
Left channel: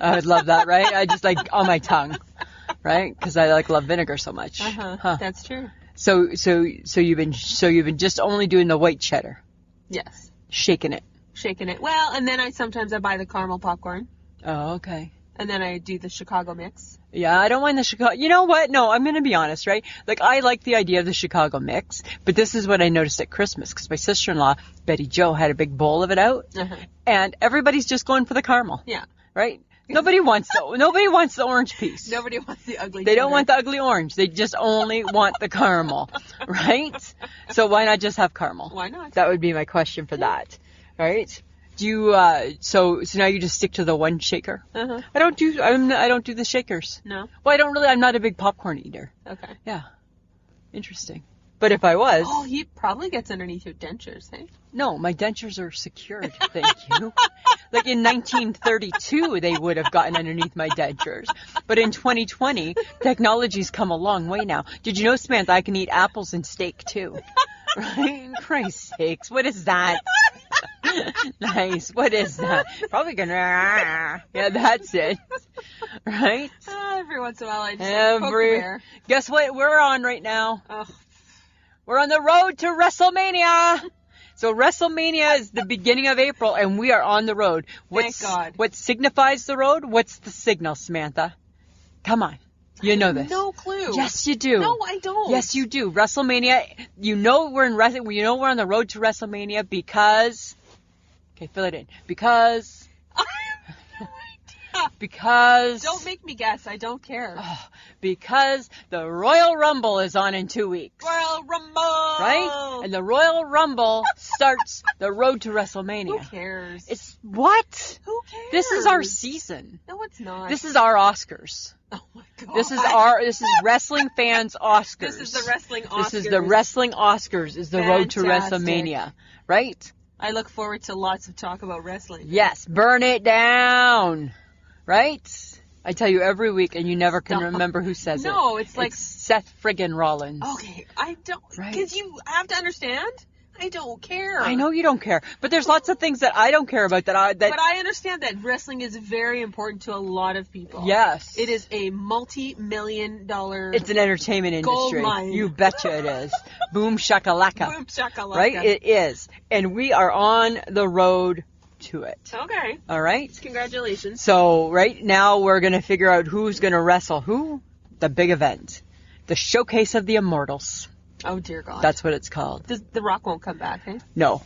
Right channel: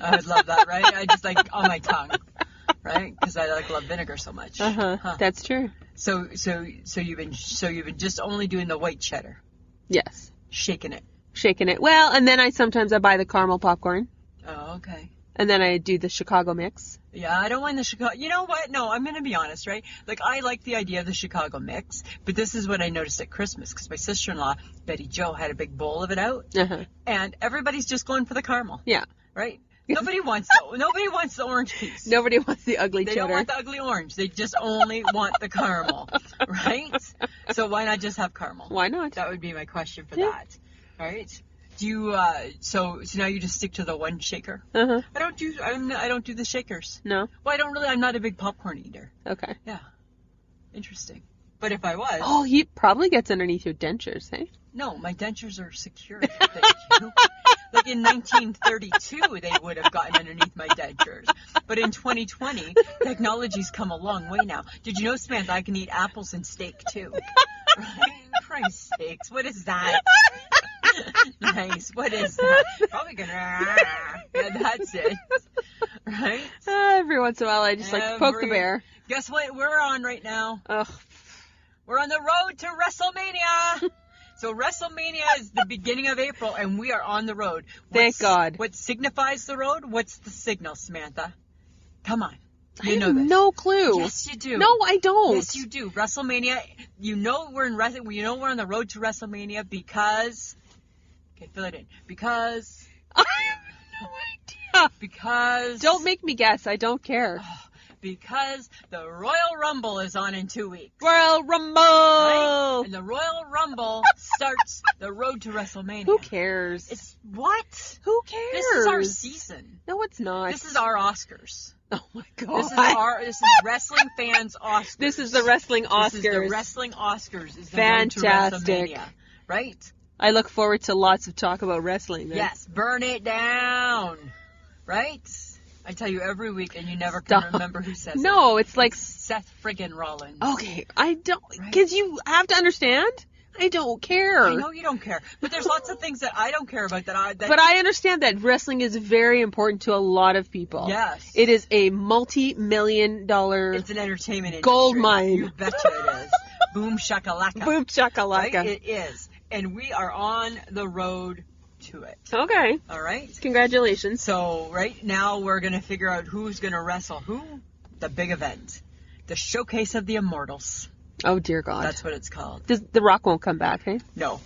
I would love that, right? I just on my tongue, right? Because I love vinegar so much. That's true. So you've been just only doing the white cheddar. Yes. Shaking it. Well, and then I sometimes buy the caramel popcorn. Oh, okay. And then I do the Chicago mix. Yeah, I don't mind the Chicago. You know what? No, I'm going to be honest, right? I like the idea of the Chicago mix, but this is what I noticed at Christmas because my sister-in-law, Betty Jo, had a big bowl of it out, and everybody's just going for the caramel. Yeah. Right? Nobody wants the orange piece. Nobody wants the ugly They don't want the ugly orange. They just only want the caramel, right? So why not just have caramel? Why not? That would be my question for that, right? Do you so now you just stick to the one shaker? I don't do the shakers. No. Well, I'm not a big popcorn eater. Okay. Yeah. Interesting. But if I was, he probably gets underneath your dentures, hey? No, my dentures are secured. Thank you. In 1932, they would have gotten underneath my dentures. But in 2020, technology's come a long way now. Did you know, Samantha, I can eat apples and steak too? Right? Christ's sakes, what is that? Nice. What is that? Probably gonna, Yeah, that's it. Right? Every once in a while, I just like poke the bear. Guess what we're on right now? Ugh. We're on the road to WrestleMania. So WrestleMania is the beginning of April, and we are on the road. Thank God. What signifies the road? What's the signal, Samantha? Come on. You know this. No clue. Yes, you do. No, I don't. Yes, you do. WrestleMania. You know we're on the road to WrestleMania because. Okay, fill it in. Because. I have no idea. Because. Don't make me guess. I don't care. Because the Royal Rumble is on in 2 weeks. Royal Rumble! Right? And the Royal Rumble starts the road to WrestleMania. Who cares? It's what? Who cares? This is our season. No, it's not. This is our Oscars. Oh my God. This is wrestling fans' Oscars. This is the wrestling Oscars. This is the wrestling Oscars. Is the road to WrestleMania. Right? I look forward to lots of talk about wrestling. Right? Yes. Burn it down. Right? I tell you every week, and you never can remember who says it. No, it's like Seth friggin' Rollins. Okay, I don't, Right? because you have to understand, I don't care. I know you don't care, but there's lots of things that I don't care about But I understand that wrestling is very important to a lot of people. Yes. It is a multi-million-dollar... It's an entertainment industry. Gold mine. You betcha it is. Boom shakalaka. Boom shakalaka. Right? It is. And we are on the road to it. Okay. All right? Congratulations. So, right now we're going to figure out who's going to wrestle who. The big event. The Showcase of the Immortals. Oh, dear God. That's what it's called. The Rock won't come back, hey? No.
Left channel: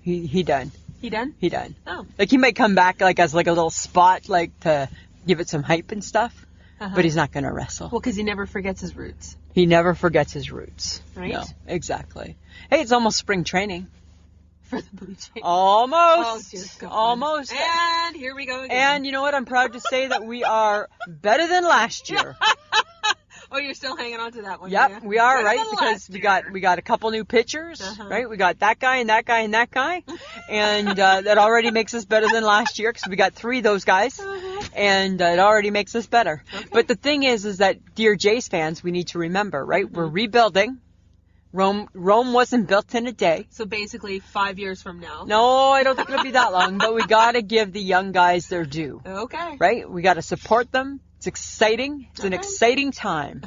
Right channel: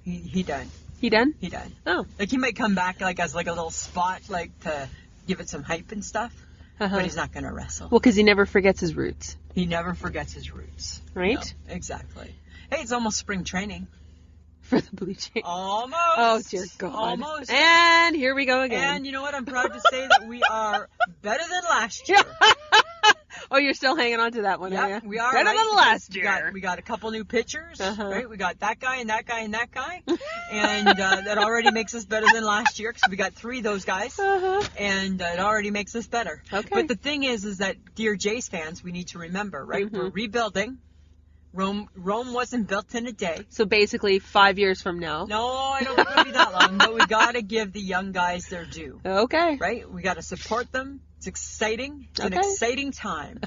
He done. He done? He done. Oh. Like, he might come back, like, as, like, a little spot, like, to give it some hype and stuff. But he's not going to wrestle. Well, because he never forgets his roots. He never forgets his roots. Right? No, exactly. Hey, it's almost spring training. For the Blue Jays. Almost. Oh, dear God. Almost. And here we go again. And you know what? I'm proud to say that we are better than last year. Oh, you're still hanging on to that one, Yep, we are, better right? Than last year. We got a couple new pitchers, right? We got that guy and that guy and that guy. And that already makes us better than last year because we got 3 of those guys. And it already makes us better. Okay. But the thing is that, dear Jays fans, we need to remember, right? We're rebuilding. Rome wasn't built in a day. So basically 5 years from now. No, I don't think it'll be that long, but we got to give the young guys their due. Okay. Right? We got to support them. It's exciting. It's an exciting time.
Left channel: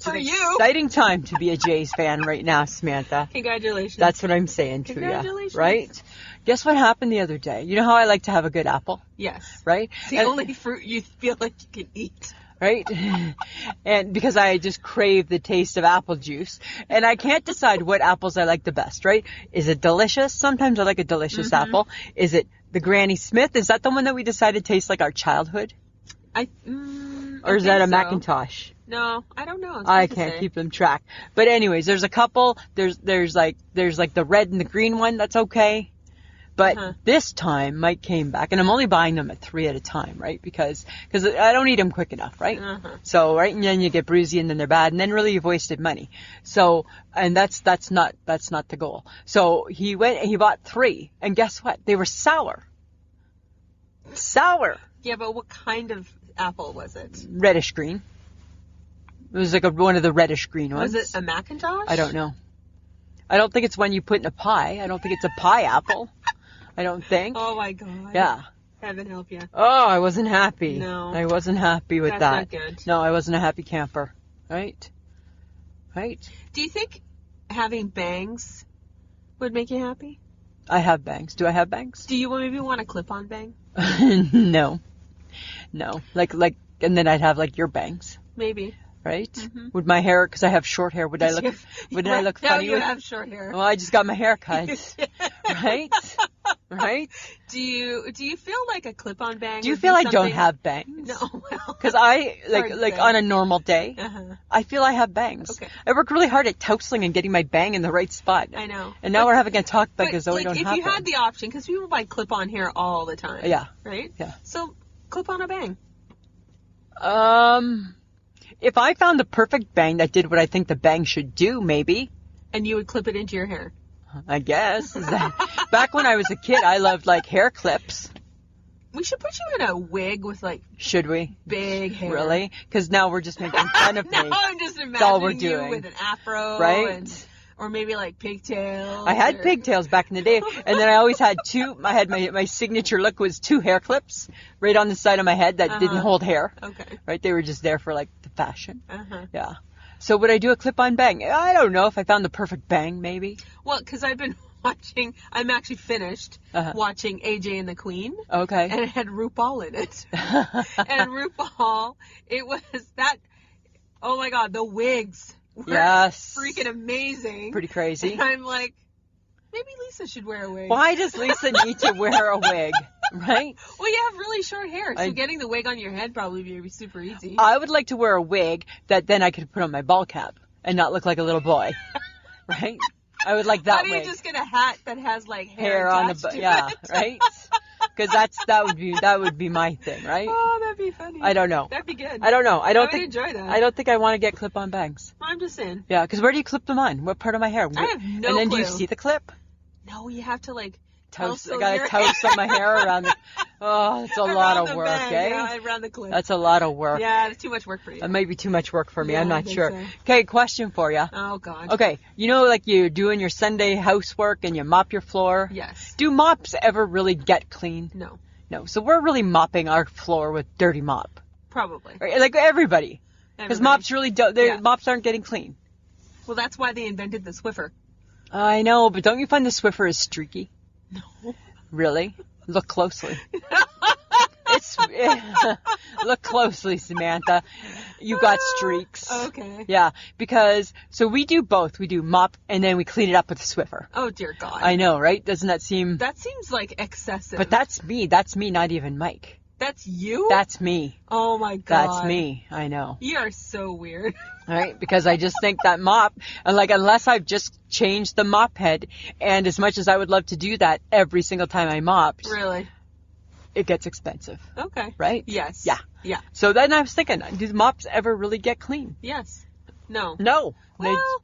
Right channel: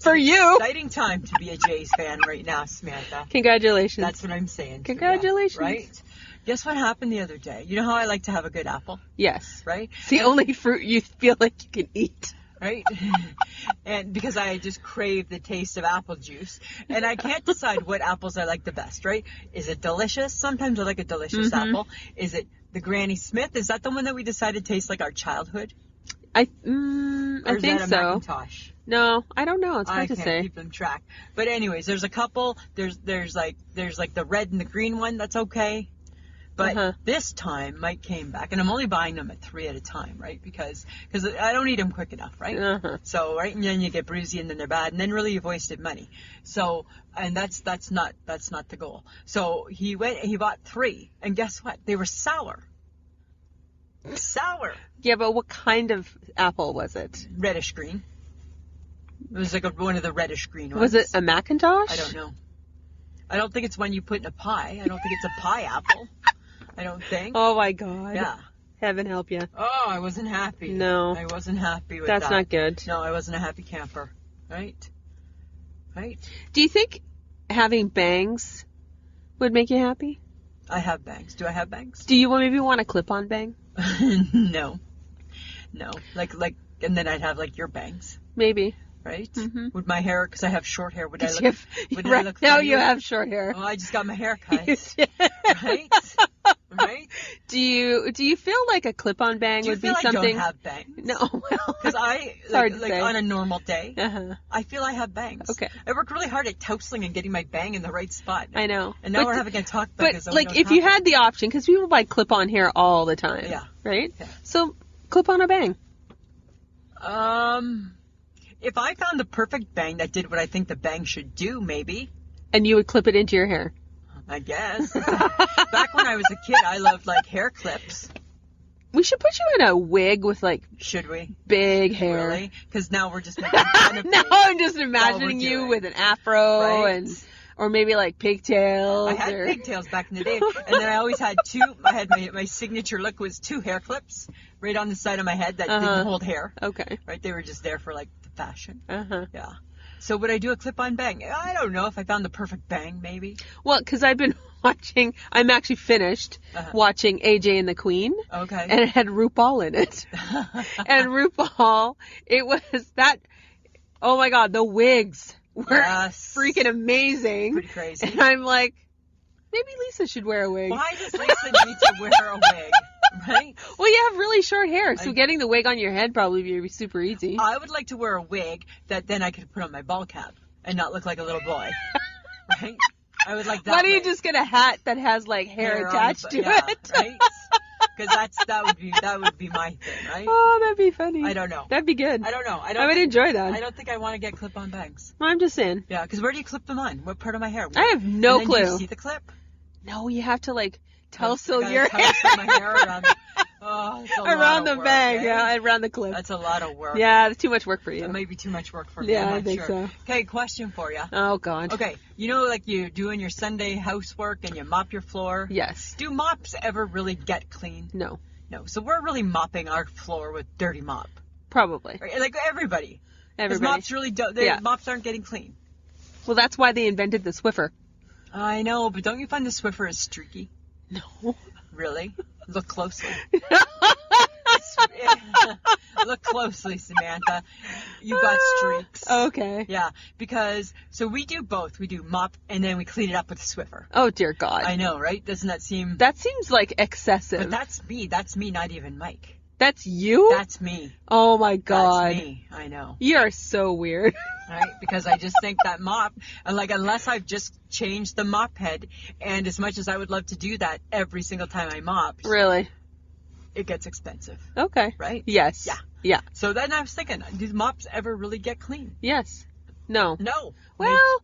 For you. Exciting time to be a Jays fan right now, Samantha. Congratulations. That's what I'm saying to you. Congratulations. Right? Guess what happened the other day? You know how I like to have a good apple? Yes. Right? It's the only fruit you feel like you can eat. Right? And because I just crave the taste of apple juice. And I can't decide what apples I like the best, right? Is it delicious? Sometimes I like a delicious apple. Is it the Granny Smith? Is that the one that we decided tastes like our childhood? Or is that a Macintosh? No, I don't know. It's I hard to can't say. keep them track. But anyways, there's a couple. There's like the red and the green one. That's okay. But this time Mike came back, and I'm only buying them at 3 at a time, right? Because I don't eat them quick enough, right? So right, and then you get bruisey, and then they're bad, and then really you've wasted money. So, and that's not the goal. So he went and he bought 3, and guess what? They were sour. Sour. Yeah, but what kind of apple was it? Reddish green. It was like one of the reddish green ones. Was it a Macintosh? I don't know. I don't think it's one you put in a pie. I don't think it's a pie apple. I don't think. Oh my God. Yeah. Heaven help you. Oh, I wasn't happy. No. I wasn't happy with that. That's not good. No, I wasn't a happy camper. Right? Right? Do you think having bangs would make you happy? I have bangs. Do I have bangs? Do you maybe want a clip-on bang? No. Like, and then I'd have like your bangs. Maybe. Right? Would my hair, because I have short hair, would I look funny? No, you have short hair. Well, I just got my hair cut. Right? Right? Do you feel like a clip-on bang? Do you would feel be I something... don't have bangs? No, well, because I like on a normal day, I feel I have bangs. Okay. I work really hard at tousling and getting my bang in the right spot. I know. And now we're having a talk back as though we like don't if have you had the option, because people buy clip-on hair all the time. Yeah. Right. Yeah. So clip on a bang. If I found the perfect bang that did what I think the bang should do, maybe. And you would clip it into your hair. I guess. Back when I was a kid, I loved like hair clips. We should put you in a wig with like. Should we? Big hair. Really? Because now we're just making fun of me. No, I'm just imagining you doing. with an afro right? and Or maybe like pigtails. I had pigtails back in the day. And then I always had my signature look was 2 hair clips right on the side of my head that didn't hold hair. Okay. Right? They were just there for like the fashion. Uh-huh. Yeah. So would I do a clip-on bang? I don't know if I found the perfect bang, maybe. Well, because I've been I'm actually finished watching AJ and the Queen. Okay. And it had RuPaul in it. And RuPaul, it was that, oh my God, the wigs were freaking amazing. Pretty crazy. And I'm like, maybe Lisa should wear a wig. Why does Lisa need to wear a wig? Right? Well, you have really short hair, so getting the wig on your head probably would be super easy. I would like to wear a wig that then I could put on my ball cap and not look like a little boy. Right? I would like that. Why don't you just get a hat that has like hair attached to it? Right? Because that would be my thing, right? Oh, that'd be funny. I don't know. That'd be good. I don't know. I would enjoy that. I don't think I want to get clip-on bangs. I'm just saying. Yeah, because where do you clip them on? What part of my hair? I have no clue. And then do you see the clip? No, you have to like toast my hair around the. Oh, it's a lot of work. Bang, eh? yeah, around the clip. That's a lot of work. Yeah, that's too much work for you. That might be too much work for me. Yeah, I'm not sure. So. Okay, question for you. Oh God. Okay, you know, like you're doing your Sunday housework and you mop your floor. Yes. Do mops ever really get clean? No. No. So we're really mopping our floor with dirty mop. Probably. Right? Like everybody. Because mops really don't. Mops aren't getting clean. Well, that's why they invented the Swiffer. I know, but don't you find the Swiffer is streaky? No. Really? Look closely. Look closely, Samantha. You got streaks. Okay. Yeah, because so we do both. We do mop and then we clean it up with a Swiffer. Oh dear God. I know, right? Doesn't that seem? That seems like excessive. But that's me. That's me. Not even Mike. That's you? That's me. Oh my God. That's me. I know. You are so weird. Right? Because I just think that mop, and like unless I've just changed the mop head, and as much as I would love to do that every single time I mop, really, it gets expensive. Okay. Right? Yes. Yeah. Yeah. So then I was thinking, do the mops ever really get clean? Yes. No. No. Well,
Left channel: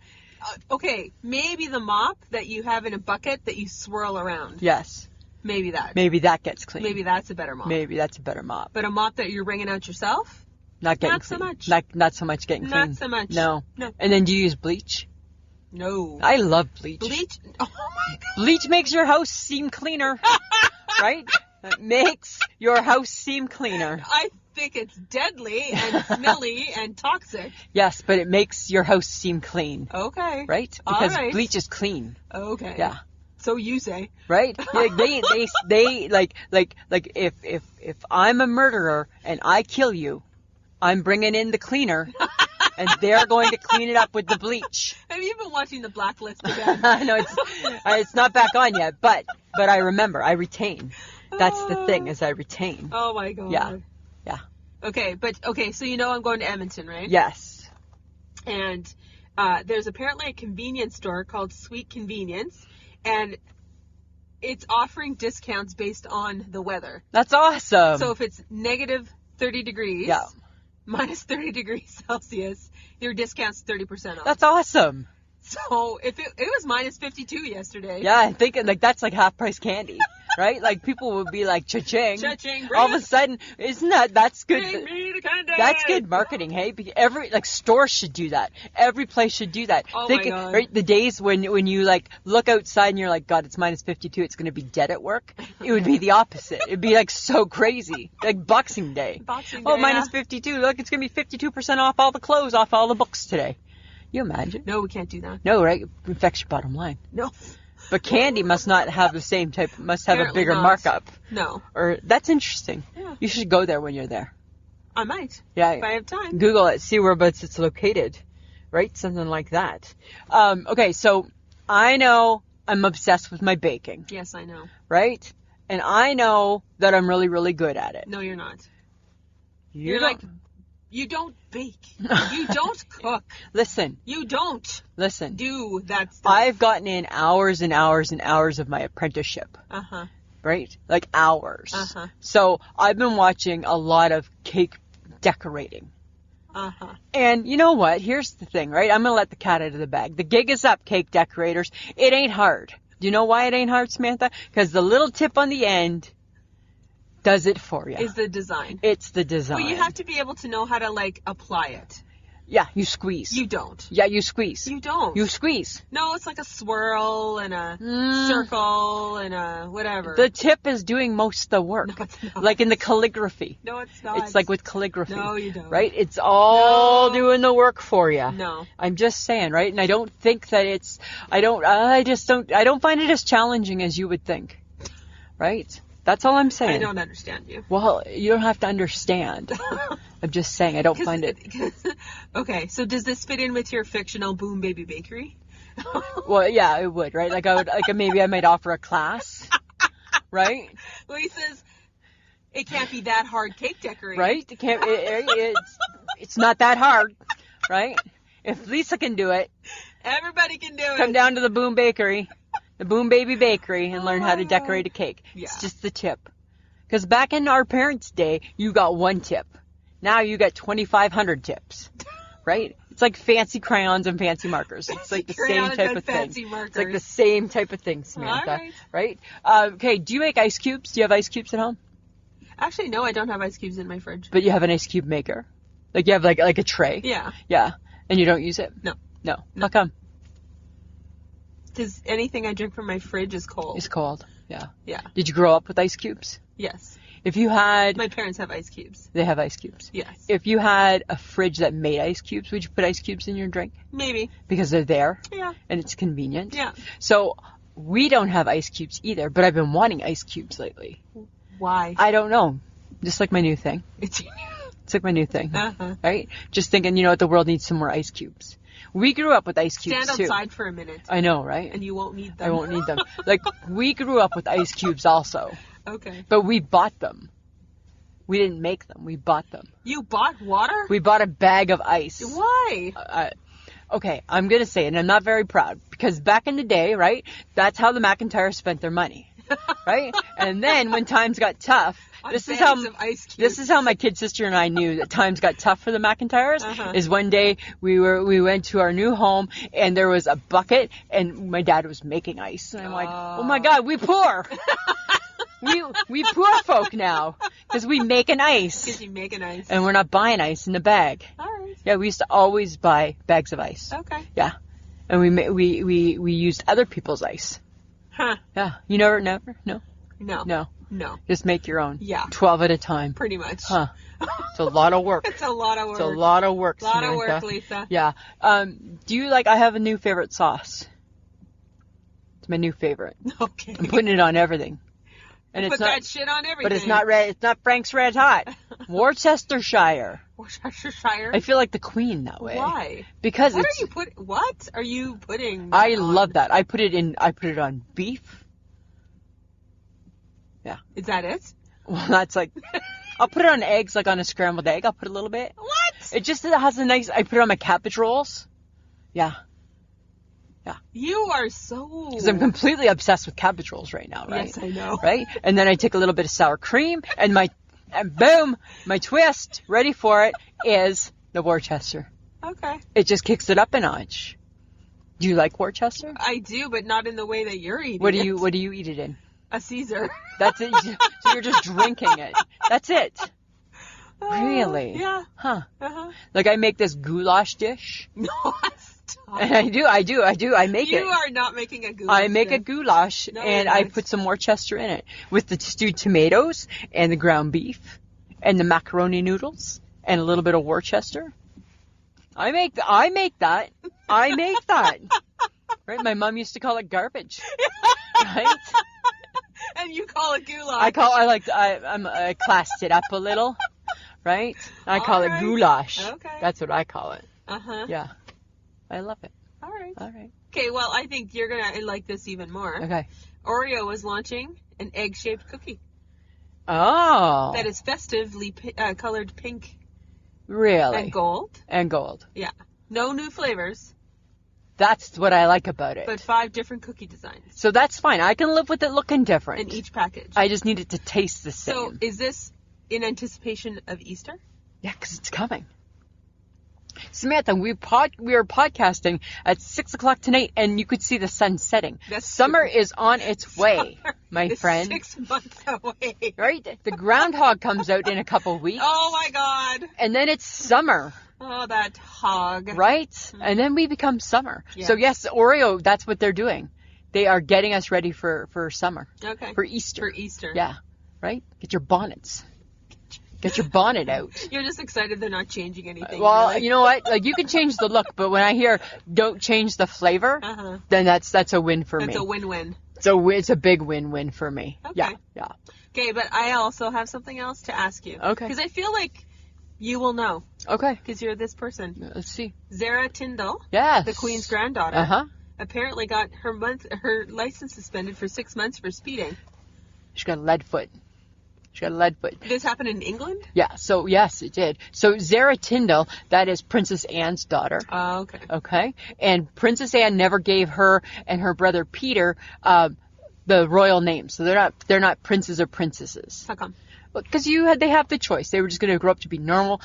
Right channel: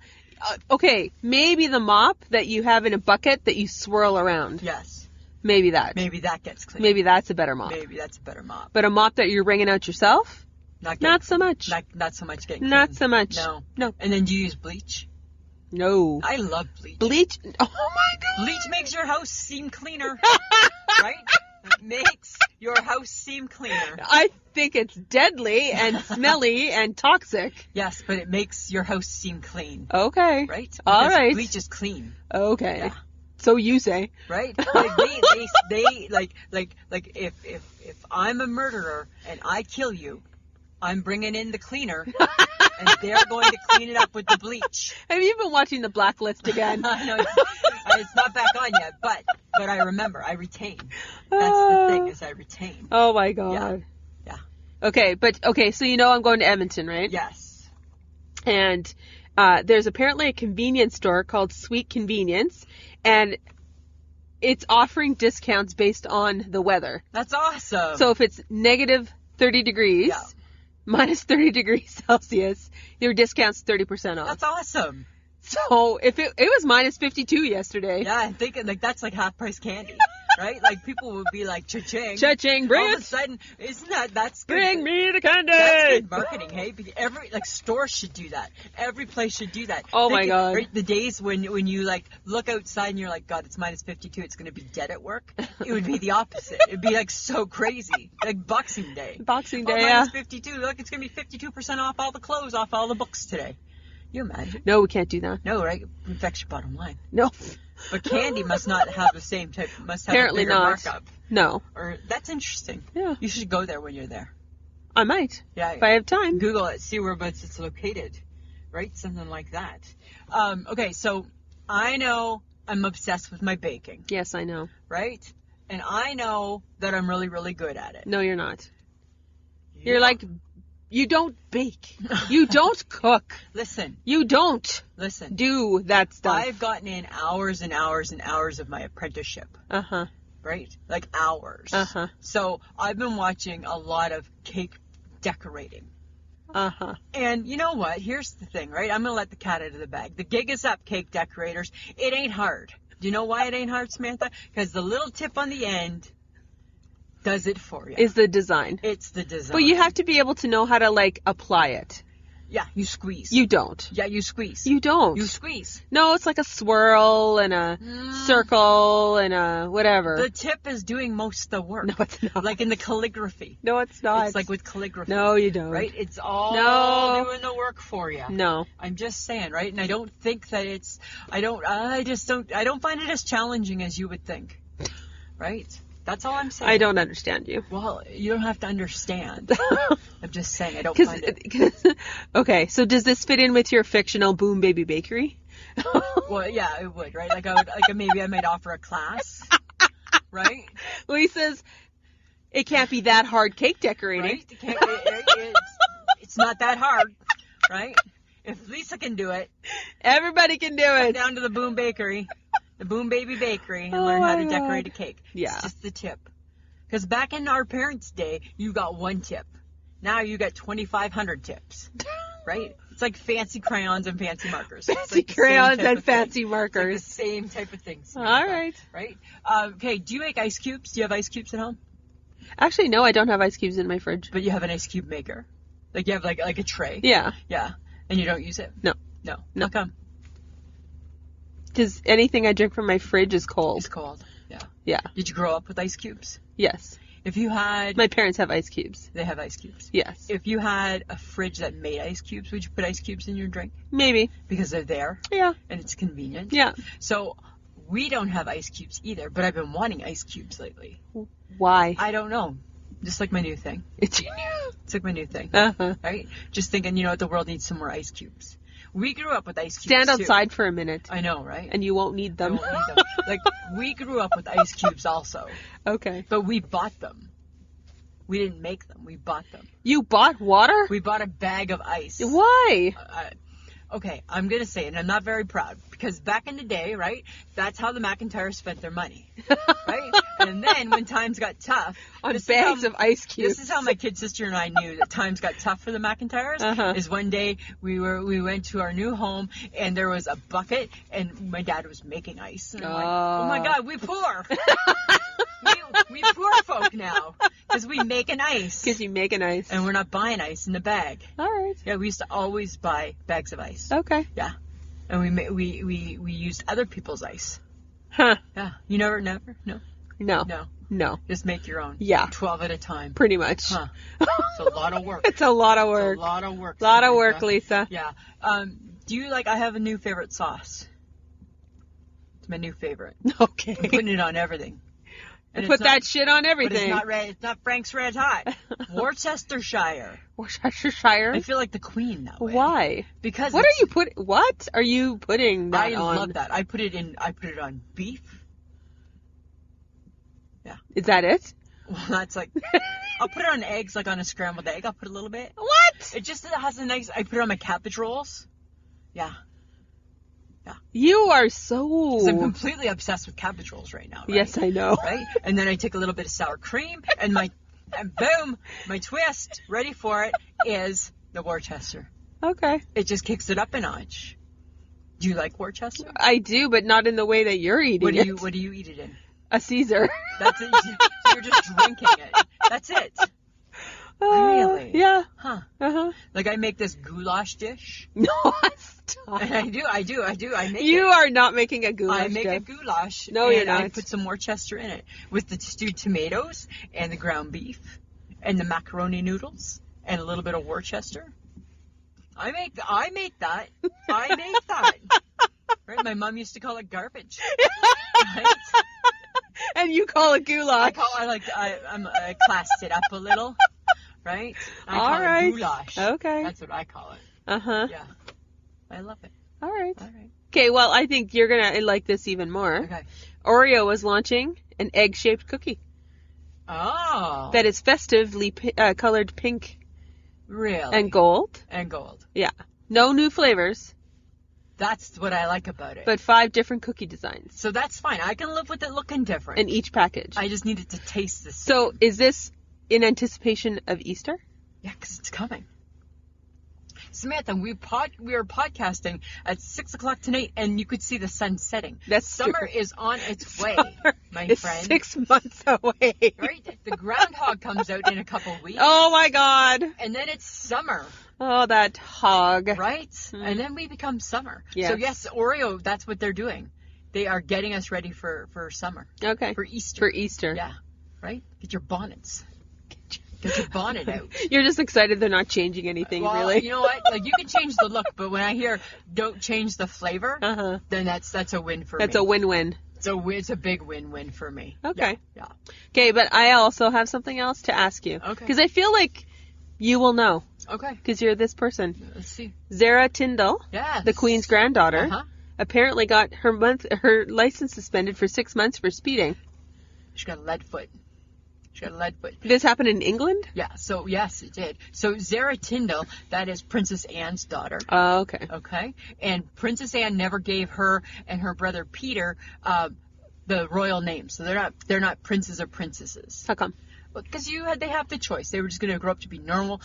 okay, maybe the mop that you have in a bucket that you swirl around. Yes. Maybe that. Maybe that gets clean. Maybe that's a better mop. Maybe that's a better mop. But a mop that you're wringing out yourself? Not so much. Not so much getting clean. Not so much. No. No. And then do you use bleach? No. I love bleach. Bleach? Oh my God. Bleach makes your house seem cleaner. Right? It makes your house seem cleaner. I think it's deadly and smelly and toxic. Yes, but it makes your house seem clean. Okay. Right? Because all right. bleach is clean. Okay. Yeah. So you say. Right? Like they if I'm a murderer and I kill you, I'm bringing in the cleaner, and they're going to clean it up with the bleach. Have you been watching The Blacklist again? No, it's not back on yet, but I remember. I retain. That's the thing, is I retain. Oh my God. Yeah. Yeah. Okay, so you know I'm going to Edmonton, right? Yes. And there's apparently a convenience store called Sweet Convenience, and it's offering discounts based on the weather. That's awesome. So if it's negative 30 degrees, minus 30 degrees Celsius, your discount's 30% off. That's awesome. So if it was minus 52 yesterday. Yeah, I'm thinking like that's like half price candy. Right? Like people would be like, cha-ching. Cha-ching, all of a sudden, that's good. Bring me the candy. That's good marketing, hey? Every, stores should do that. Every place should do that. Oh my God. Right? The days when you like look outside and you're like, God, it's minus 52, it's going to be dead at work. It would be the opposite. It'd be like so crazy. Like Boxing Day. Boxing Day. Oh, minus 52. Look, it's going to be 52% off all the clothes, off all the books today. You imagine? No, we can't do that. No, right? It affects your bottom line. No. But candy must not have the same type, must have Apparently a bigger not. markup. No. Or that's interesting. Yeah. You should go there when you're there. I might. Yeah. If I have time. Google it, see whereabouts it's located. Right? Something like that. Okay, so I know I'm obsessed with my baking. Yes, I know. Right? And I know that I'm really, really good at it. No, you're not. You're like, you don't bake. You don't cook. Listen. You don't. Listen. Do that stuff. I've gotten in hours and hours and hours of my apprenticeship. Uh-huh. Right? Like hours. Uh-huh. So I've been watching a lot of cake decorating. Uh-huh. And you know what? Here's the thing, right? I'm going to let the cat out of the bag. The gig is up, cake decorators. It ain't hard. Do you know why it ain't hard, Samantha? Because the little tip on the end does it for you. Is the design. It's the design. But you have to be able to know how to, like, apply it. Yeah, you squeeze. You don't. Yeah, you squeeze. You don't. You squeeze. No, it's like a swirl and a circle and a whatever. The tip is doing most of the work. No, it's not. Like in the calligraphy. No, it's not. It's like with calligraphy. No, you don't. Right? It's all doing the work for you. No. I'm just saying, right? And I don't think that I don't find it as challenging as you would think. Right? That's all I'm saying. I don't understand you. Well, you don't have to understand. I'm just saying I don't find it. Okay, so does this fit in with your fictional Boom Baby Bakery? Well, yeah, it would, right? Maybe I might offer a class, right? Lisa's, it can't be that hard cake decorating. Right? It's not that hard, right? If Lisa can do it, everybody can do it. Come down to the Boom Bakery. The Boom Baby Bakery and learn how to decorate a cake. Yeah. It's just the tip. Because back in our parents' day, you got one tip. Now you got 2,500 tips. Right? It's like fancy crayons and fancy markers. It's like the crayons same type and of fancy thing. markers. It's like the same type of thing, Samantha. All right. Right? Okay, do you make ice cubes? Do you have ice cubes at home? Actually, no, I don't have ice cubes in my fridge. But you have an ice cube maker? Like you have like a tray? Yeah. Yeah. And you don't use it? No. How come? Because anything I drink from my fridge is cold. It's cold. Yeah. Yeah. Did you grow up with ice cubes? Yes. If you had... My parents have ice cubes. They have ice cubes? Yes. If you had a fridge that made ice cubes, would you put ice cubes in your drink? Maybe. Because they're there? Yeah. And it's convenient? Yeah. So, we don't have ice cubes either, but I've been wanting ice cubes lately. Why? I don't know. Just like my new thing. It's like my new thing. Uh-huh. Right? Just thinking, what, the world needs some more ice cubes. We grew up with ice cubes, Stand outside for a minute. I know, right? And you won't need them. I won't need them. Like, we grew up with ice cubes also. Okay. But we bought them. We didn't make them. We bought them. You bought water? We bought a bag of ice. Why? Okay, I'm going to say it, and I'm not very proud, because back in the day, right, that's how the McIntyres spent their money, right? And then when times got tough, Bags of ice cubes. This is how my kid sister and I knew that times got tough for the McIntyres, is one day we went to our new home, and there was a bucket, and my dad was making ice. And I'm like, oh my God, we poor. we poor folk now, because we make an ice. Because you make an ice. And we're not buying ice in the bag. All right. Yeah, we used to always buy bags of ice. Okay. Yeah. And we used other people's ice. Huh. Yeah. You never? No. No. Just make your own. Yeah. 12 at a time. Pretty much. Huh. It's a lot of work. It's a lot of work. It's a lot of work. Lot of work, Lisa. Yeah. Do you I have a new favorite sauce. It's my new favorite. Okay. I'm putting it on everything. And put that shit on everything. But it's not red. It's not Frank's Red Hot. Worcestershire. Worcestershire. I feel like the queen that way. Why? Because what are you putting? That I on? love that. I put it on beef. Yeah. Is that it? Well, that's I'll put it on eggs, like on a scrambled egg. I'll put a little bit. What? It has a nice. I put it on my cabbage rolls. Yeah. Yeah. You are so... Because I'm completely obsessed with cabbage rolls right now, right? Yes, I know. Right? And then I take a little bit of sour cream, and boom, my twist, ready for it, is the Worcester. Okay. It just kicks it up a notch. Do you like Worcester? I do, but not in the way that you're eating What it. do you eat it in? A Caesar. That's it. So you're just drinking it. That's it. Really? Yeah. Huh. Uh-huh. I make this goulash dish. No, stop. And I do. I make it. You are not making a goulash. I make a goulash, and I put some Worcester in it with the stewed tomatoes and the ground beef and the macaroni noodles and a little bit of Worcester. I make that. I make that. Right? My mom used to call it garbage. Right? And you call it goulash. I classed it up a little. Right? I call it goulash. Okay. That's what I call it. Uh-huh. Yeah. I love it. All right. All right. Okay, well, I think you're going to like this even more. Okay. Oreo is launching an egg-shaped cookie. Oh. That is festively colored pink. Really? And gold. And gold. Yeah. No new flavors. That's what I like about it. But 5 different cookie designs. So that's fine. I can live with it looking different. In each package. I just need it to taste the same. So is this in anticipation of Easter? Yeah, because it's coming. Samantha, we are podcasting at 6 o'clock tonight, and you could see the sun setting. Summer is on its way, my friend. 6 months away. Right? The groundhog comes out in a couple weeks. Oh, my God. And then it's summer. Oh, that hog. Right? And then we become summer. Yeah. So yes, Oreo, that's what they're doing. They are getting us ready for summer. Okay. For Easter. For Easter. Yeah. Right? Get your bonnets. Get your bonnet out. You're just excited they're not changing anything, Well, really. you know what? Like, you can change the look, but when I hear don't change the flavor, then that's a win for me. That's a win-win. It's a big win-win for me. Okay. Yeah. Okay, but I also have something else to ask you. Okay. Because I feel like you will know. Okay. Because you're this person. Let's see. Zara Tindall, Yes. the Queen's granddaughter, Uh-huh. apparently got her license suspended for 6 months for speeding. She got a lead foot. This happened in England? Yeah, so yes, it did. So Zara Tindall, that is Princess Anne's daughter. Oh, okay. Okay. And Princess Anne never gave her and her brother Peter the royal name. So they're not princes or princesses. How come? Because they have the choice. They were just going to grow up to be normal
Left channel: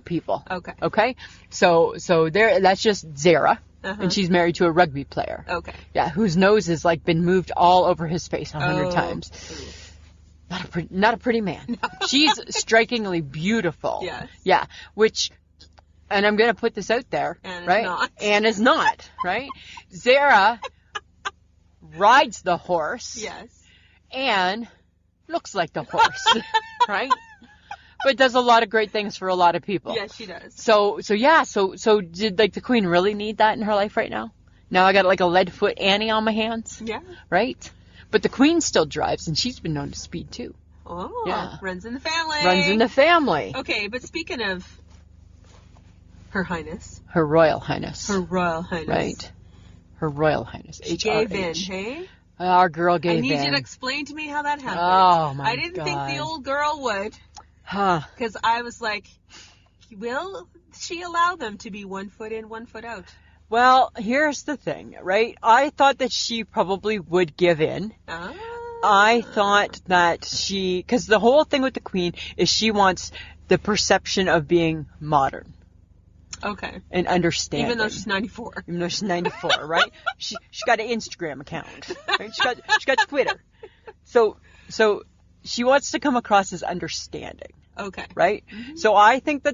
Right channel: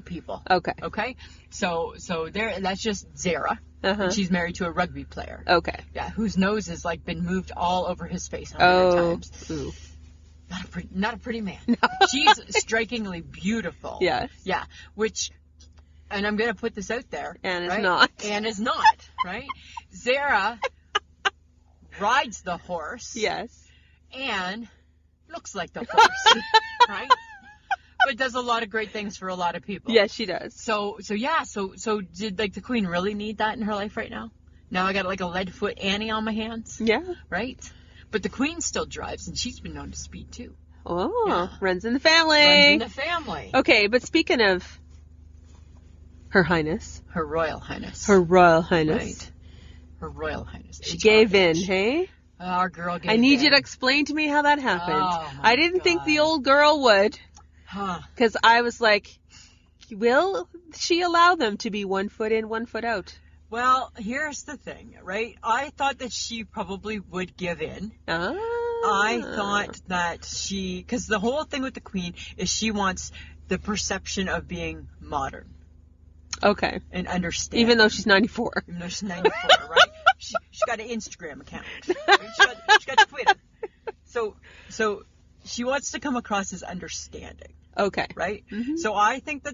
people. Okay. Okay. So that's just Zara. And she's married to a rugby player. Okay. Yeah, whose nose has like been moved all over his face 100 times. Ooh. Not a pretty man. No. She's strikingly beautiful. Yes. Yeah. And I'm going to put this out there. Anne is right? not. Anne is not, right? Zara rides the horse. Yes. Anne looks like the horse, right? But does a lot of great things for a lot of people. Yes, she does. So did like the Queen really need that in her life right now? Now I got like a lead foot Annie on my hands. Yeah. Right? But the Queen still drives, and she's been known to speed too. Oh, yeah. Runs in the family. Runs in the family. Okay, but speaking of Her Highness. Her Royal Highness. Her Royal Highness. Right. Her Royal Highness. She gave in, hey? Our girl gave in. I need you to explain to me how that happened. Oh, my I didn't think the God. old girl would. Huh. Because I was like, will she allow them to be 1 foot in, 1 foot out? Well, here's the thing, right? I thought that she probably would give in. Ah. I thought that because the whole thing with the Queen is she wants the perception of being modern. Okay. And understanding. Even though she's 94. Even though she's 94, right? She's got an Instagram account. Right? She got Twitter. So she wants to come across as understanding. Okay. Right? Mm-hmm. So I think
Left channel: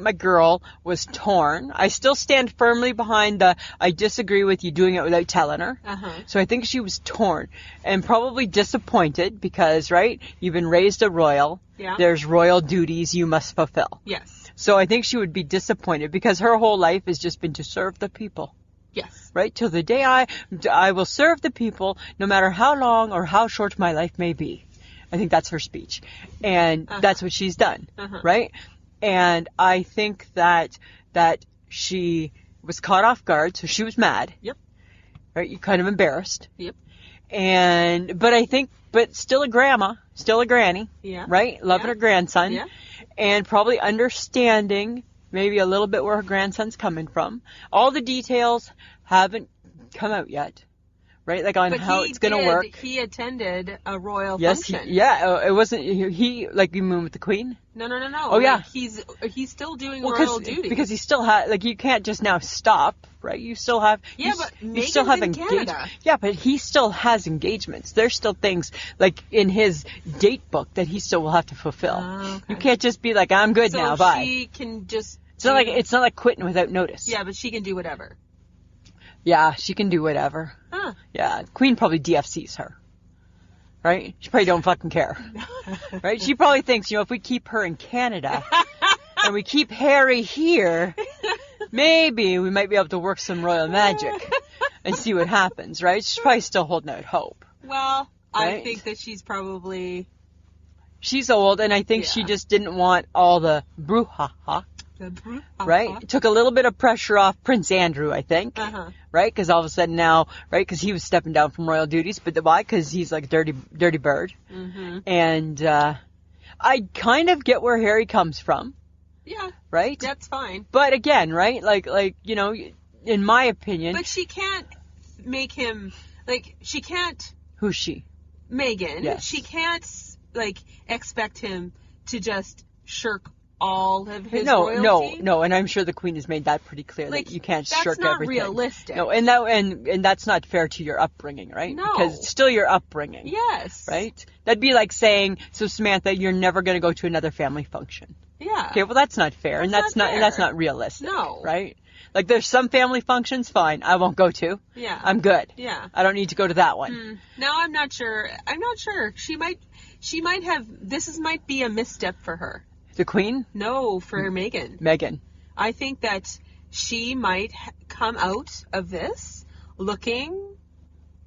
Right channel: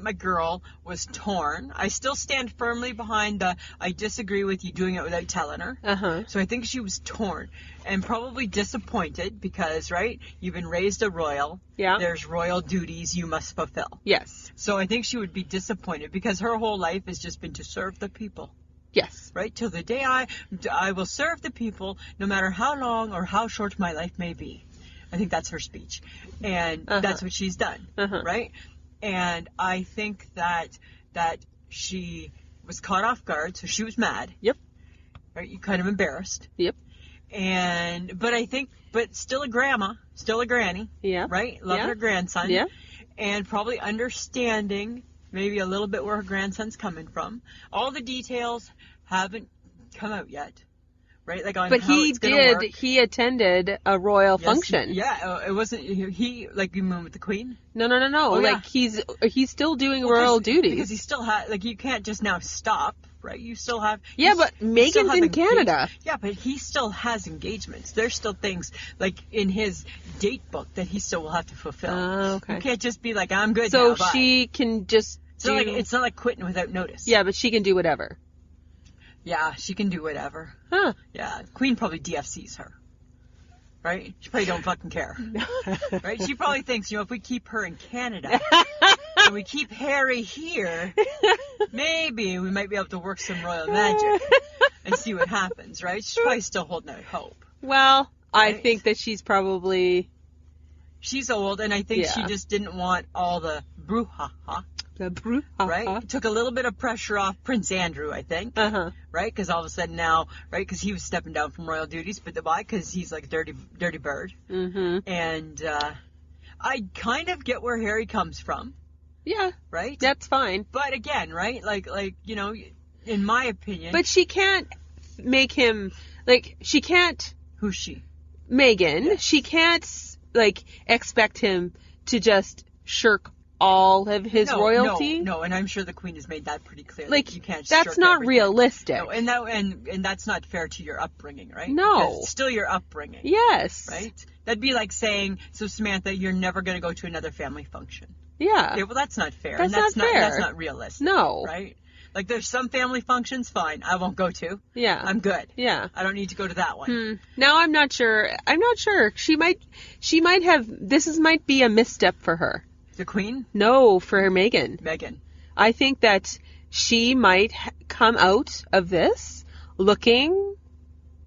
my girl was torn. I still stand firmly behind I disagree with you doing it without telling her. Uh-huh. So I think she was torn and probably disappointed because, right, you've been raised a royal. Yeah. There's royal duties you must fulfill. Yes. So I think she would be disappointed because her whole life has just been to serve the people. Yes. Right? Till the day I will serve the people no matter how long or how short my life may be. I think that's her speech. And that's what she's done. Right? And I think that she was caught off guard, so she was mad. Yep. Right? You kind of embarrassed. Yep. But still a grandma, still a granny. Yeah. Right? Loving her grandson. Yeah. And probably understanding maybe a little bit where her grandson's coming from. All the details haven't come out yet. Right? Like on how it's going to work. But he attended a royal function. It wasn't he like you mean with the Queen? No. Oh, yeah. He's still doing royal duties. Because he still you can't just now stop, right? You still have but Meghan's in Canada. Yeah, but he still has engagements. There's still things like in his date book that he still will have to fulfill. Okay. You can't just be like, I'm good now, bye. So she can just it's not like quitting without notice. Yeah, but she can do whatever. Yeah, she can do whatever. Huh. Yeah, Queen probably DFCs her. Right? She probably don't fucking care. Right? She probably thinks, if we keep her in Canada and we keep Harry here, maybe we might be able to work some royal magic and see what happens, right? She's probably still holding out hope. Well, right? I think that she's old, and I think she just didn't want all the brouhaha. Right? It took a little bit of pressure off Prince Andrew, I think. Right? Because all of a sudden now, right? Because he was stepping down from royal duties. But why? Because he's like a dirty bird. Mm-hmm. And I kind of get where Harry comes from. Yeah. Right? That's fine. But again, right? Like in my opinion. But she can't make him, she can't. Who's she? Meghan. Yes. She can't, expect him to just shirk all of his royalty. No, and I'm sure the Queen has made that pretty clear. That you can't shirk everything. That's not realistic. No, and that's not fair to your upbringing, right? No. Because it's still your upbringing. Yes. Right? That'd be like saying, so Samantha, you're never going to go to another family function. Yeah. Okay, well, that's not fair. That's not fair. That's not realistic. No. Right? Like, there's some family functions, fine, I won't go to. Yeah. I'm good. Yeah. I don't need to go to that one. Now I'm not sure. She might have, might be a misstep for her. The Queen? No, for Meghan. Meghan. I think that she might come out of this looking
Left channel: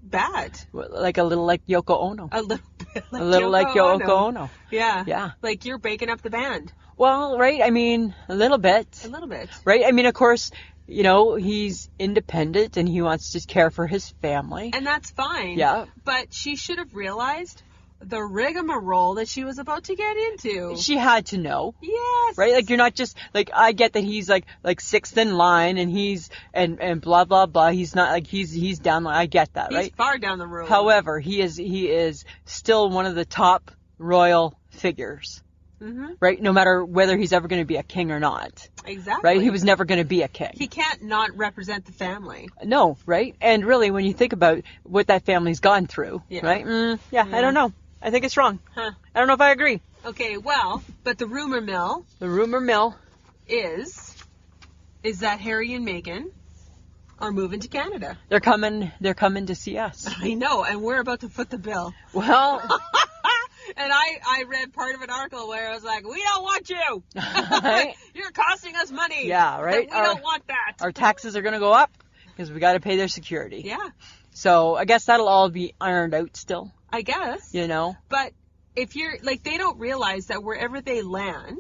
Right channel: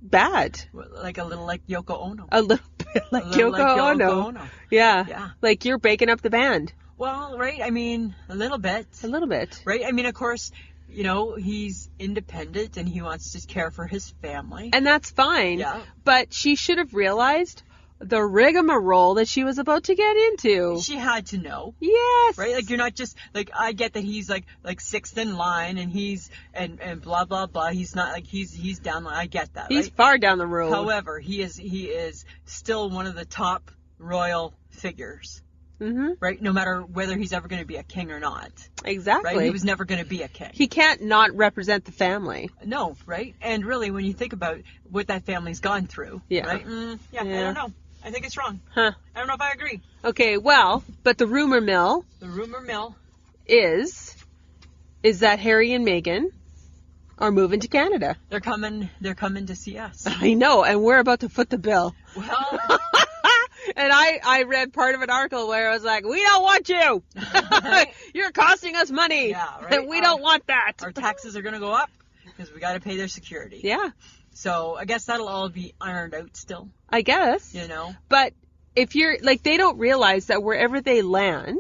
bad. Like a little like Yoko Ono. A little bit like Yoko Ono. Yeah. Yeah. Like you're breaking up the band. Well, right, I mean, a little bit. A little bit. Right? I mean, of course, you know, he's independent and he wants to care for his family. And that's fine. Yeah. But she should have realized the rigmarole that she was about to get into. She had to know. Yes. Right? Like, you're not just, like, I get that he's, like sixth in line and he's, and blah, blah, blah. He's not, like, he's down, I get that, right? He's far down the road. However, he is still one of the top royal figures. Mm-hmm. Right? No matter whether he's ever going to be a king or not. Exactly. Right? He was never going to be a king. He can't not represent the family. No, right? And really, when you think about what that family's gone through, yeah. Right? Yeah, I don't know. I think it's wrong. Huh. I don't know if I agree. Okay, well, but the rumor mill is that Harry and Meghan are moving to Canada. They're coming to see us. I know, and we're about to foot the bill. Well, and I read part of an article where it was like, we don't want you. Right? You're costing us money. Yeah, right. We don't want that. Our taxes are going to go up because we got to pay their security. Yeah. So I guess that'll all be ironed out still. I guess. You know? But if you're, like, they don't realize that wherever they land,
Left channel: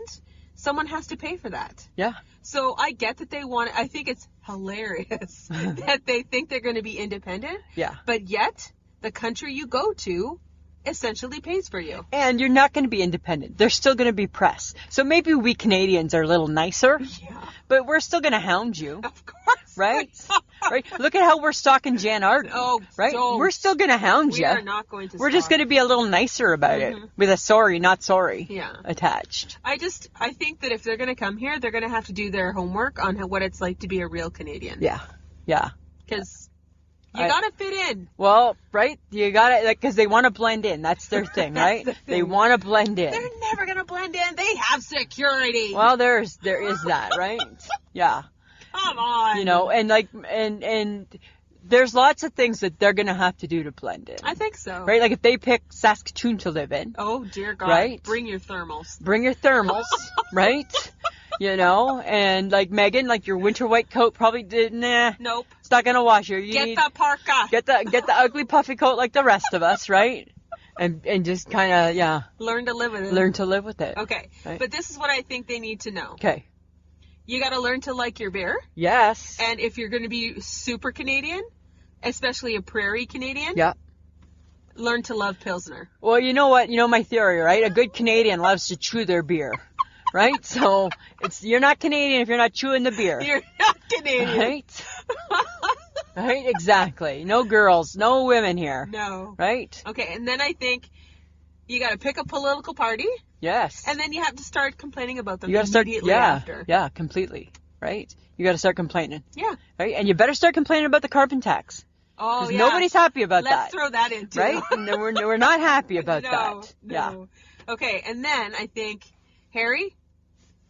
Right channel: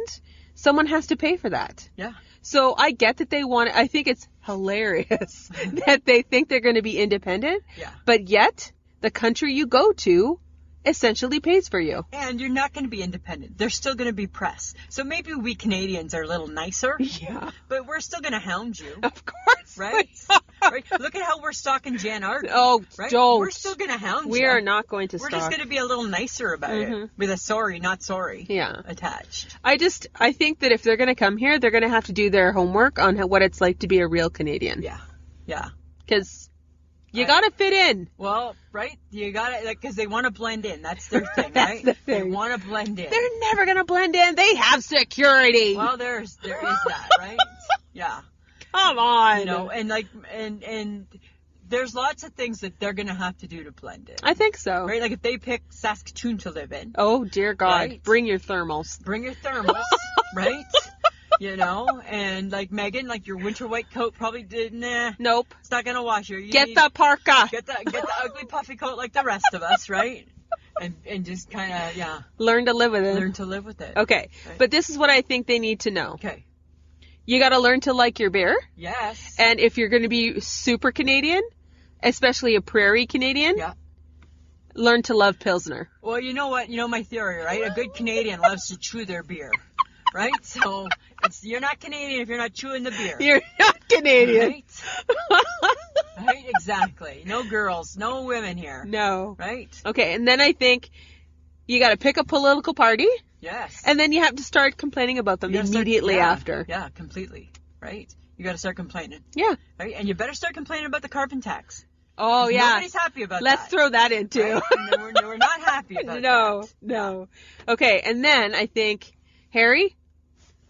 someone has to pay for that. Yeah. So I get that they want, I think it's hilarious that they think they're going to be independent. Yeah. But yet, the country you go to essentially pays for you. And you're not going to be independent. There's still going to be press. So maybe we Canadians are a little nicer. Yeah. But we're still going to hound you. Of course. Right? Right? Look at how we're stalking Jan Arden. Oh, right? don't. We're still going to hound you. We are not going to We're just going to be a little nicer about it. With a sorry, not sorry attached. I think that if they're going to come here, they're going to have to do their homework on what it's like to be a real Canadian. Yeah. Yeah. Because you got to fit in. Well, right? You got to, like, because they want to blend in. That's their thing, right? They want to blend in. They're never going to blend in. They have security. Well, there is that, right? Yeah. Come on. You know, and like, and there's lots of things that they're going to have to do to blend in. I think so. Right? Like if they pick Saskatoon to live in. Oh, dear God. Right? Bring your thermals. Right? You know, and like Meghan, like your winter white coat probably Nope. It's not going to wash you. Get the parka. Get the ugly puffy coat like the rest of us, right? And just kind of, learn to live with it. Learn to live with it. Okay. Right? But this is what I think they need to know. Okay. You got to learn to like your beer. Yes. And if you're going to be super Canadian, especially a prairie Canadian, learn to love Pilsner. Well, you know what? You know my theory, right? A good Canadian loves to chew their beer. Right? So you're not Canadian if you're not chewing the beer. You're not Canadian. Right? Right? Exactly. No girls, no women here. No. Right? Okay, and then I think you got to pick a political party. Yes. And then you have to start complaining about them immediately after. Yeah, completely. Right? You got to start complaining. Yeah. Right? And you better start complaining about the carbon tax. Oh, yeah. Nobody's happy about that. Let's throw that in, too. Right? No, we're not happy about that. No. Yeah. Okay, and then I think, Harry,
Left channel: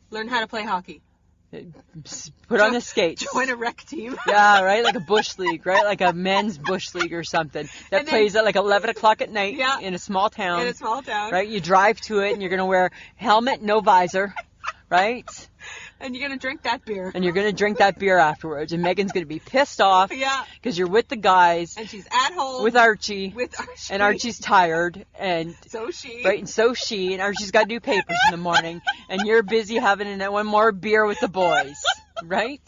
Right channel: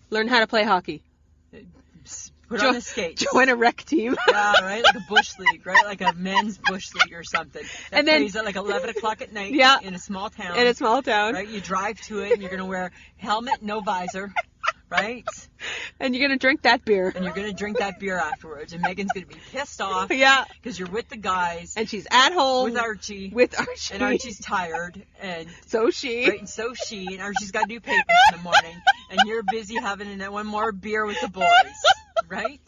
learn how to play hockey. Put on the skates. Join a rec team. Yeah, right? Like a bush league, right? Like a men's bush league or something. That plays at like 11 o'clock at night in a small town. In a small town. Right? You drive to it and you're going to wear helmet, no visor. Right? And you're going to drink that beer. And you're going to drink that beer afterwards. And Megan's going to be pissed off. Yeah. Because you're with the guys. And she's at home. With Archie. With Archie. And Archie's tired. And so she. Right? And so she. And Archie's got to do papers in the morning. And you're busy having one more beer with the boys. Right?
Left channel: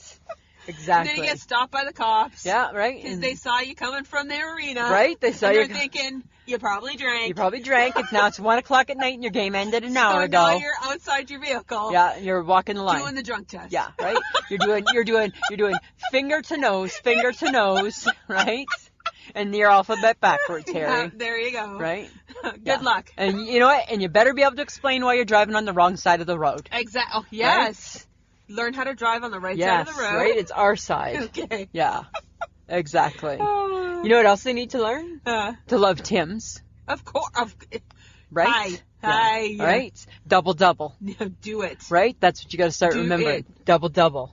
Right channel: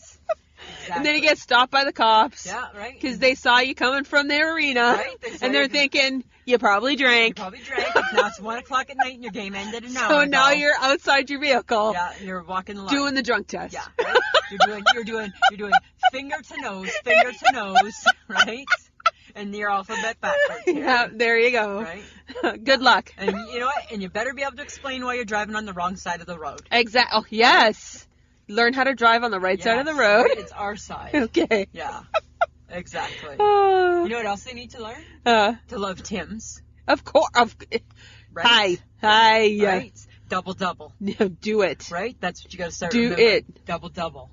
Exactly. And then you get stopped by the cops. Yeah, right. Because they saw you coming from the arena. Right. They saw and they're thinking, you probably drank. Now it's 1 o'clock at night and your game ended an hour ago. So now you're outside your vehicle. Yeah, you're walking the line. Doing the drunk test. Yeah, right? You're doing finger to nose, right? And your alphabet backwards, Harry. Yeah, there you go. Right? Good luck. And you know what? And you better be able to explain why you're driving on the wrong side of the road. Exactly. Oh, yes. Right? Learn how to drive on the right side of the road. Right? It's our side. Okay. Yeah. Exactly. You know what else they need to learn? To love Tim's. Of course. Right? Hi. Right? Double. Do it. Right? That's what you got to start remembering. Double.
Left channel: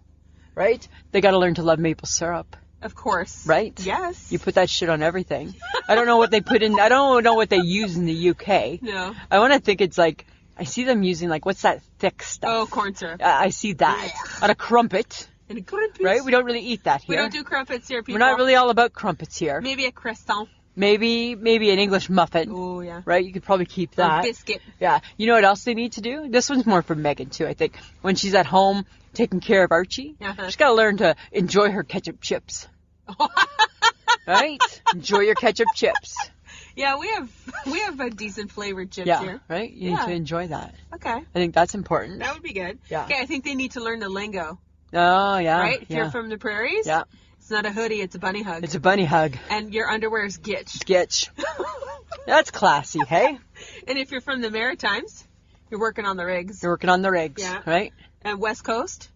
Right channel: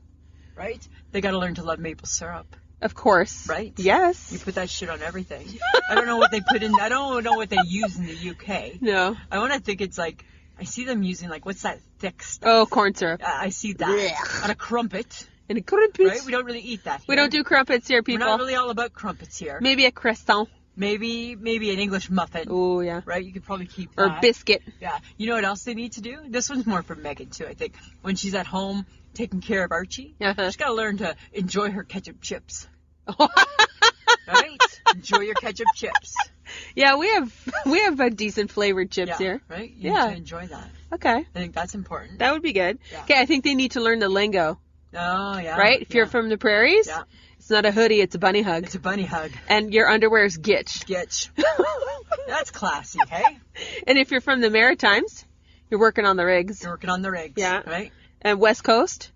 Right? They got to learn to love maple syrup. Of course. Right? Yes. You put that shit on everything. I don't know what they put in. I don't know what they use in the UK. No. I want to think it's like, I see them using like, what's that thick stuff? Oh, corn syrup. I see that. On a crumpet. And a crumpet. Right? We don't really eat that here. We don't do crumpets here, people. We're not really all about crumpets here. Maybe a croissant. Maybe an English muffin. Oh, yeah. Right? You could probably keep that. Or a biscuit. Yeah. You know what else they need to do? This one's more for Meghan, too, I think. When she's at home taking care of Archie, she's got to learn to enjoy her ketchup chips. Right? Enjoy your ketchup chips. Yeah, we have a decent flavored chips here. Right? You need to enjoy that. Okay. I think that's important. That would be good. Yeah. Okay, I think they need to learn the lingo. Oh, yeah. Right? If you're from the prairies, it's not a hoodie, it's a bunny hug. It's a bunny hug. And your underwear is gitch. Gitch. That's classy, hey? And if you're from the Maritimes, you're working on the rigs. You're working on the rigs. Yeah. Right? And West Coast,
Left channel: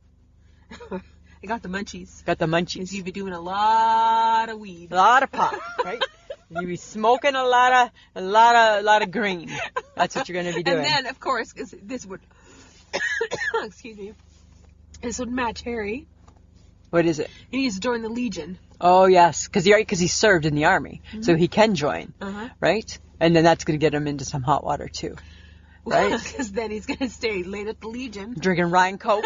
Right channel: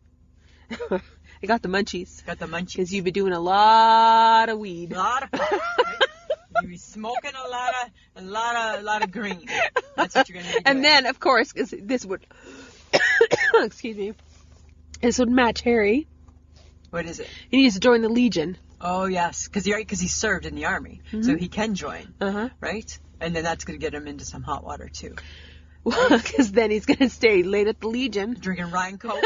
I got the munchies. Got the munchies. Because you've been doing a lot of weed. A lot of pot, right? You be smoking a lot of green. That's what you're going to be doing. And then, of course, 'cause this would, excuse me, this would match Harry. What is it? He needs to join the Legion. Oh, yes, because he served in the army, so he can join, right? And then that's going to get him into some hot water, too. Right? Because then he's going to stay late at the Legion. Drinking Ryan Coke.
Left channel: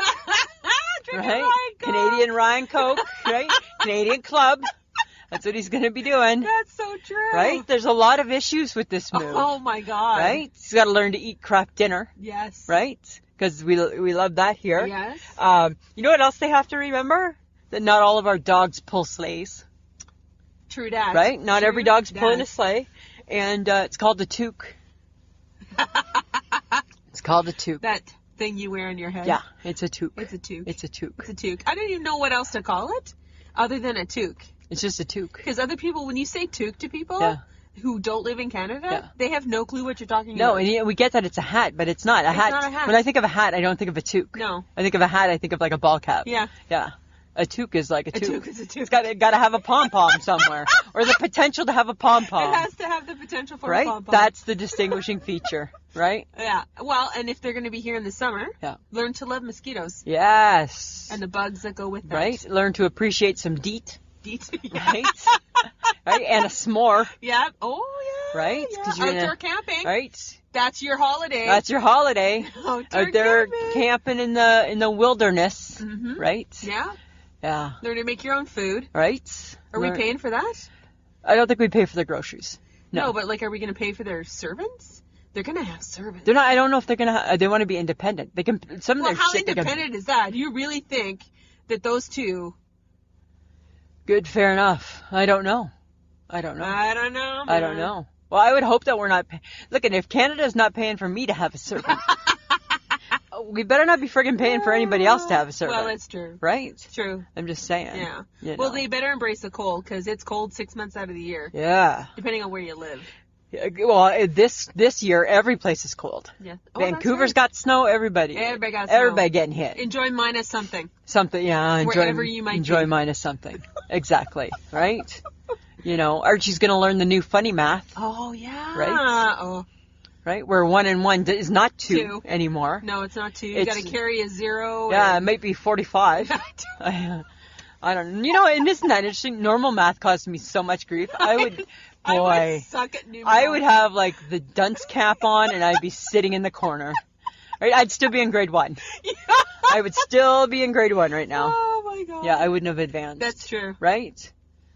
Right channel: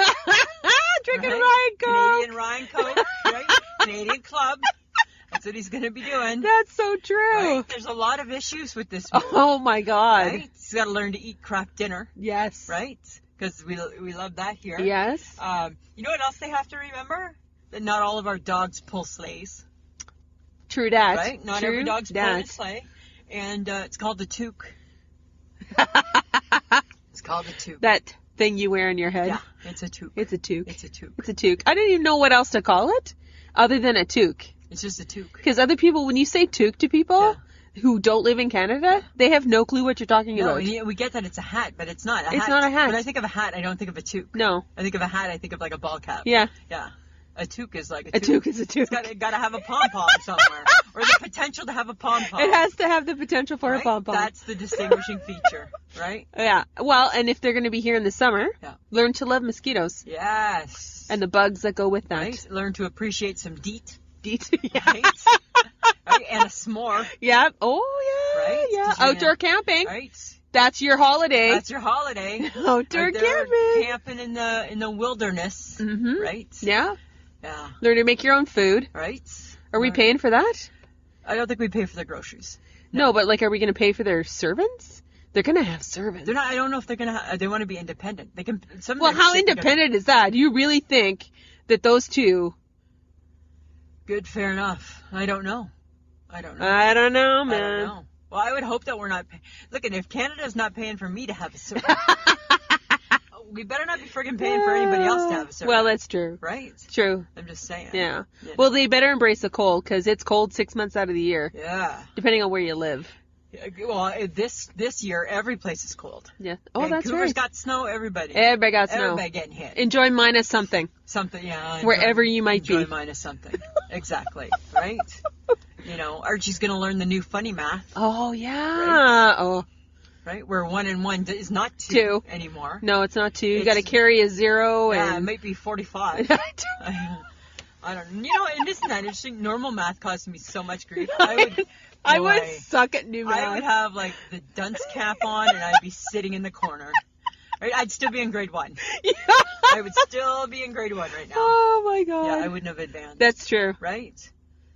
Drinking right? Ryan Coke. Canadian Ryan Coke, right? Canadian Club. That's what he's going to be doing. That's so true. Right? There's a lot of issues with this move. Oh, my God. Right? He's got to learn to eat craft dinner. Yes. Right? Because we love that here. Yes. You know what else they have to remember? That not all of our dogs pull sleighs. True that. Right? Not every dog's that. pulling a sleigh. And it's called a toque. It's called a toque. That thing you wear in your head. Yeah, it's a toque. It's a toque. It's a toque. It's a toque. I don't even know what else to call it other than a toque. It's just a toque. Because other people, when you say toque to people who don't live in Canada, they have no clue what you're talking about. No, and we get that it's a hat, but it's not. It's not a hat. When I think of a hat, I don't think of a toque. No. I think of a hat, I think of like a ball cap. Yeah. Yeah. A toque is like a toque. A toque is a toque. It's got to have a pom-pom somewhere. Or the potential to have a pom-pom. It has to have the potential for a pom-pom. That's the distinguishing feature, right? Yeah. Well, and if they're going to be here in the summer, learn to love mosquitoes. Yes. And the bugs that go with that. Right? Learn to appreciate some DEET. DEET. Right? Right? And a s'more. Yeah. Oh, yeah. Right? Yeah. Outdoor camping. Right? That's your holiday. That's your holiday. Outdoor Out there camping. camping in the wilderness. Mm-hmm. Right? Yeah. Yeah. Learn to make your own food. Right? Are we paying for that? I don't think we pay for their groceries. No, but like, are we going to pay for their servants? They're going to have servants. They're not. I don't know if they're going to. They want to be independent. They can. Well, how independent is that? Do you really think that those two? Good, fair enough. I don't know. I don't know, man. I don't know. Well, I would hope that we're not. Look, and if Canada's not paying for me to have a servant, we better not be friggin' paying for anybody else to have a servant. Well, that's true. Right? It's true. I'm just saying. Yeah. You know. Well, they better embrace the cold because it's cold 6 months out of the year. Yeah. Depending on where you live. Well, this year every place is cold. Yeah. Oh, Vancouver's got snow. Everybody got snow. Everybody getting hit. Enjoy minus something. Something. Yeah. Wherever you might enjoy be. minus something. Exactly. Right. You know, Archie's gonna learn the new funny math. Oh yeah. Right. Oh. Right, where 1 and 1 is not 2 anymore. No, it's not 2. You got to carry a 0. Yeah, it might be 45. I don't. You know, and isn't that interesting? Normal math caused me so much grief. I would suck at new math. I would have like the dunce cap on, and I'd be sitting in the corner. Right, I'd still be in grade 1. Yeah. I would still be in grade 1 right now. Oh my god. Yeah, I wouldn't have advanced. That's true. Right.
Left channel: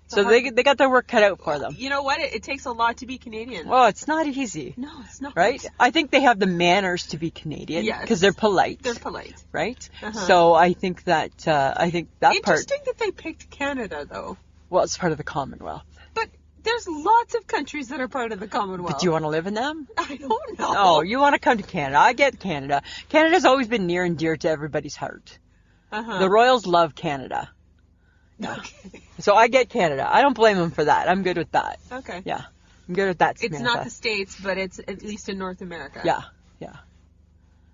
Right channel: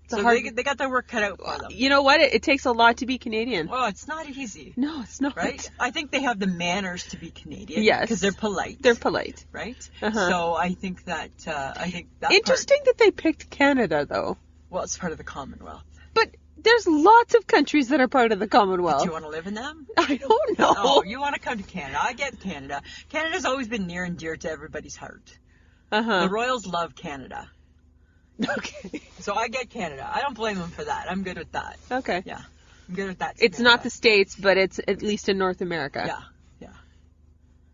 So they got their work cut out for them. You know what? It takes a lot to be Canadian. Well, it's not easy. No, it's not. Right? I think they have the manners to be Canadian. Yes. Because they're polite. They're polite. Right? Uh-huh. So I think that Interesting that they picked Canada, though. Well, it's part of the Commonwealth. But there's lots of countries that are part of the Commonwealth. But do you want to live in them? I don't know. Oh, you want to come to Canada. I get Canada. Canada's always been near and dear to everybody's heart. Uh-huh. The Royals love Canada. Okay. So I get Canada. I don't blame them for that. I'm good with that. Okay. Yeah. I'm good with that, Samantha. It's not the States, but it's at least in North America. Yeah. Yeah.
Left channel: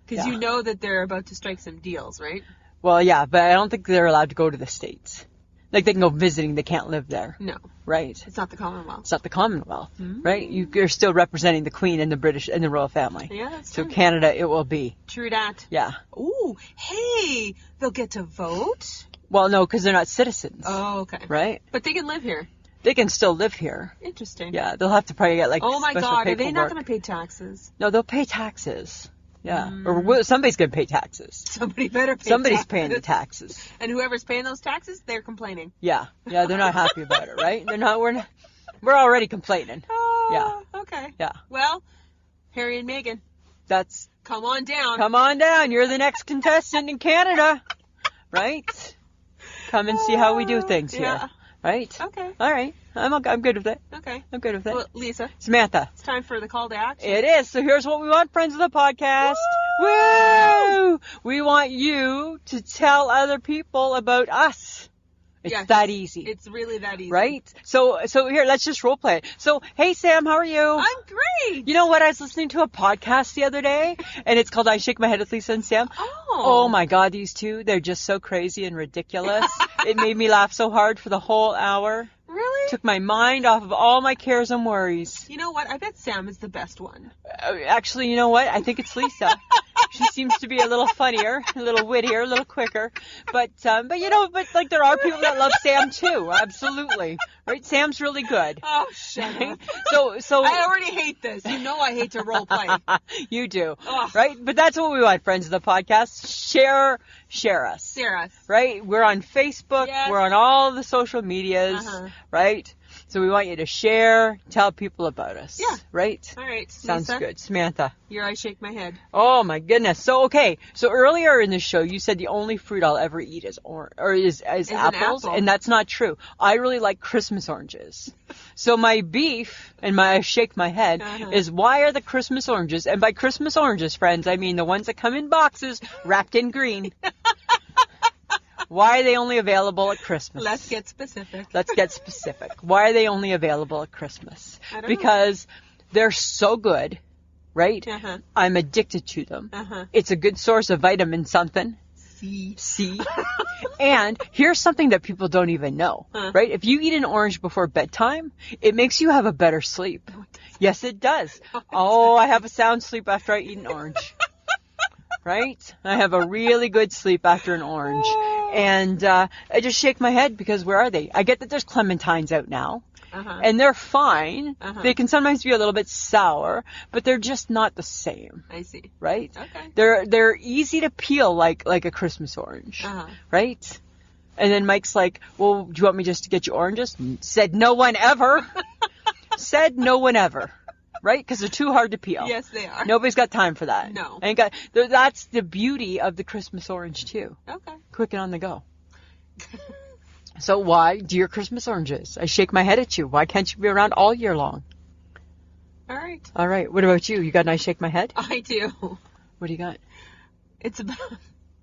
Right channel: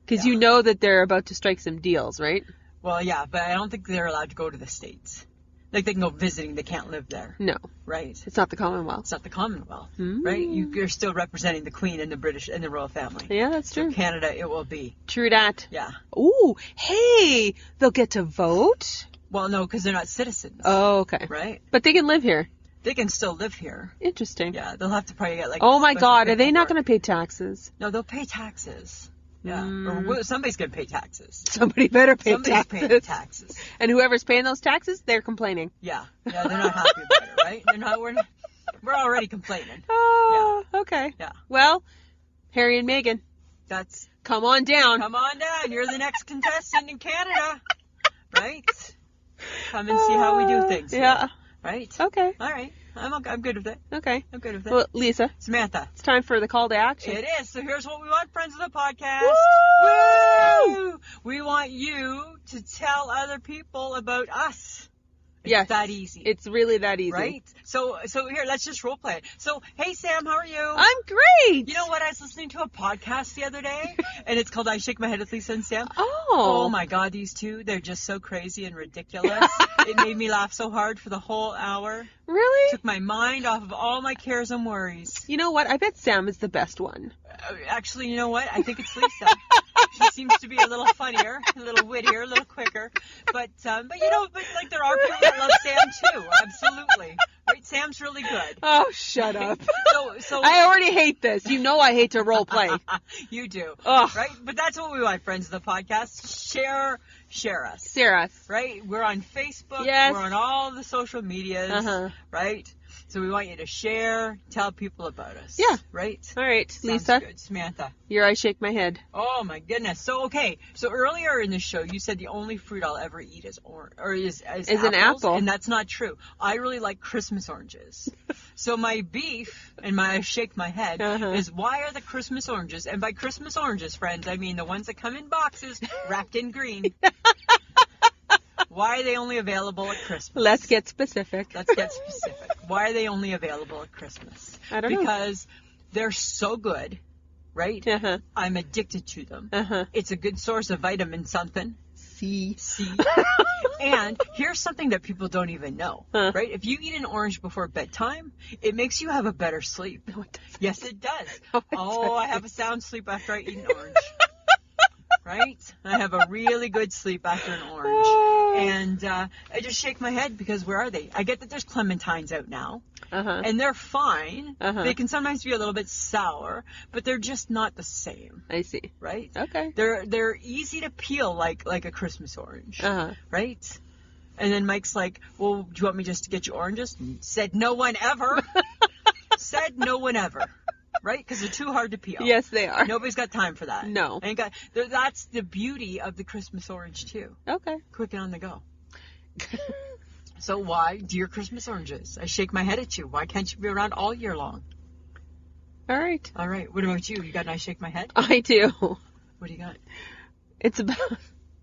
Because you know that they're about to strike some deals, right? Well, yeah, but I don't think they're allowed to go to the States. Like they can go visiting, they can't live there. No. Right. It's not the Commonwealth. It's not the Commonwealth, right? You're still representing the Queen and the British and the royal family. Yeah, that's true. So Canada, it will be. True that. Yeah. Ooh, hey, they'll get to vote? Well, no, because they're not citizens. Oh, okay. Right? But they can live here. They can still live here. Interesting. Yeah, they'll have to probably get like. Oh my special God, are they not paperwork. going to pay taxes? No, they'll pay taxes. Yeah, or somebody's going to pay taxes. Somebody better pay Somebody's taxes. paying the taxes. And whoever's paying those taxes, they're complaining. Yeah, they're not happy about it, right? We're already complaining. Oh, yeah. Okay. Yeah. Well, Harry and Meghan. Come on down. Come on down. You're the next contestant in Canada, right? Come and see how we do things here. Yeah. Right? Okay. All right. I'm good with it. Okay. I'm good with it. Well, Lisa. Samantha. It's time for the call to action. It is. So here's what we want, friends of the podcast. Woo! Woo! We want you to tell other people about us. It's that easy. It's really that easy. Right? So here, let's just role play it. So, hey Sam, how are you? I'm great. You know what? I was listening to a podcast the other day, and it's called I Shake My Head with Lisa and Sam. Oh my God, these two, they're just so crazy and ridiculous. It made me laugh so hard for the whole hour. Really? Took my mind off of all my cares and worries. You know what? I bet Sam is the best one. Actually, you know what? I think it's Lisa. She seems to be a little funnier, a little wittier, a little quicker. But like there are people that love Sam too. Absolutely. Right? Sam's really good. Oh, shut up. So I already hate this. You know I hate to role play. You do. Ugh. Right? But that's what we want, friends of the podcast. Share us. Share us. Right? We're on Facebook. Yes. We're on all the social medias. Right? So we want you to share, tell people about us. Yeah. Right? All right, Sounds Lisa. good. Samantha. Here I shake my head. Oh my goodness. So earlier in the show you said the only fruit I'll ever eat is apples, an apple. and that's not true. I really like Christmas oranges. So my beef and my shake my head is, why are the Christmas oranges, and by Christmas oranges, friends, I mean the ones that come in boxes wrapped in green. Why are they only available at Christmas? Let's get specific. Why are they only available at Christmas? I don't know. Because they're so good, right? I'm addicted to them. It's a good source of vitamin something. C. And here's something that people don't even know, right? If you eat an orange before bedtime, it makes you have a better sleep. No, Yes, it does. I have a sound sleep after I eat an orange. Right? I have a really good sleep after an orange. And I just shake my head because where are they? I get that there's clementines out now. And they're fine. They can sometimes be a little bit sour, but they're just not the same. I see. Right? Okay. They're easy to peel like a Christmas orange. Right? And then Mike's like, well, do you want me just to get you oranges? Said no one ever. Said no one ever. Right? Because they're too hard to peel. Yes, they are. Nobody's got time for that. No. That's the beauty of the Christmas orange, too. Okay. Quick and on the go. So why do your Christmas oranges? I shake my head at you. Why can't you be around all year long? All right. All right. What about you? You got a nice shake my head? I do. What do you got? It's about...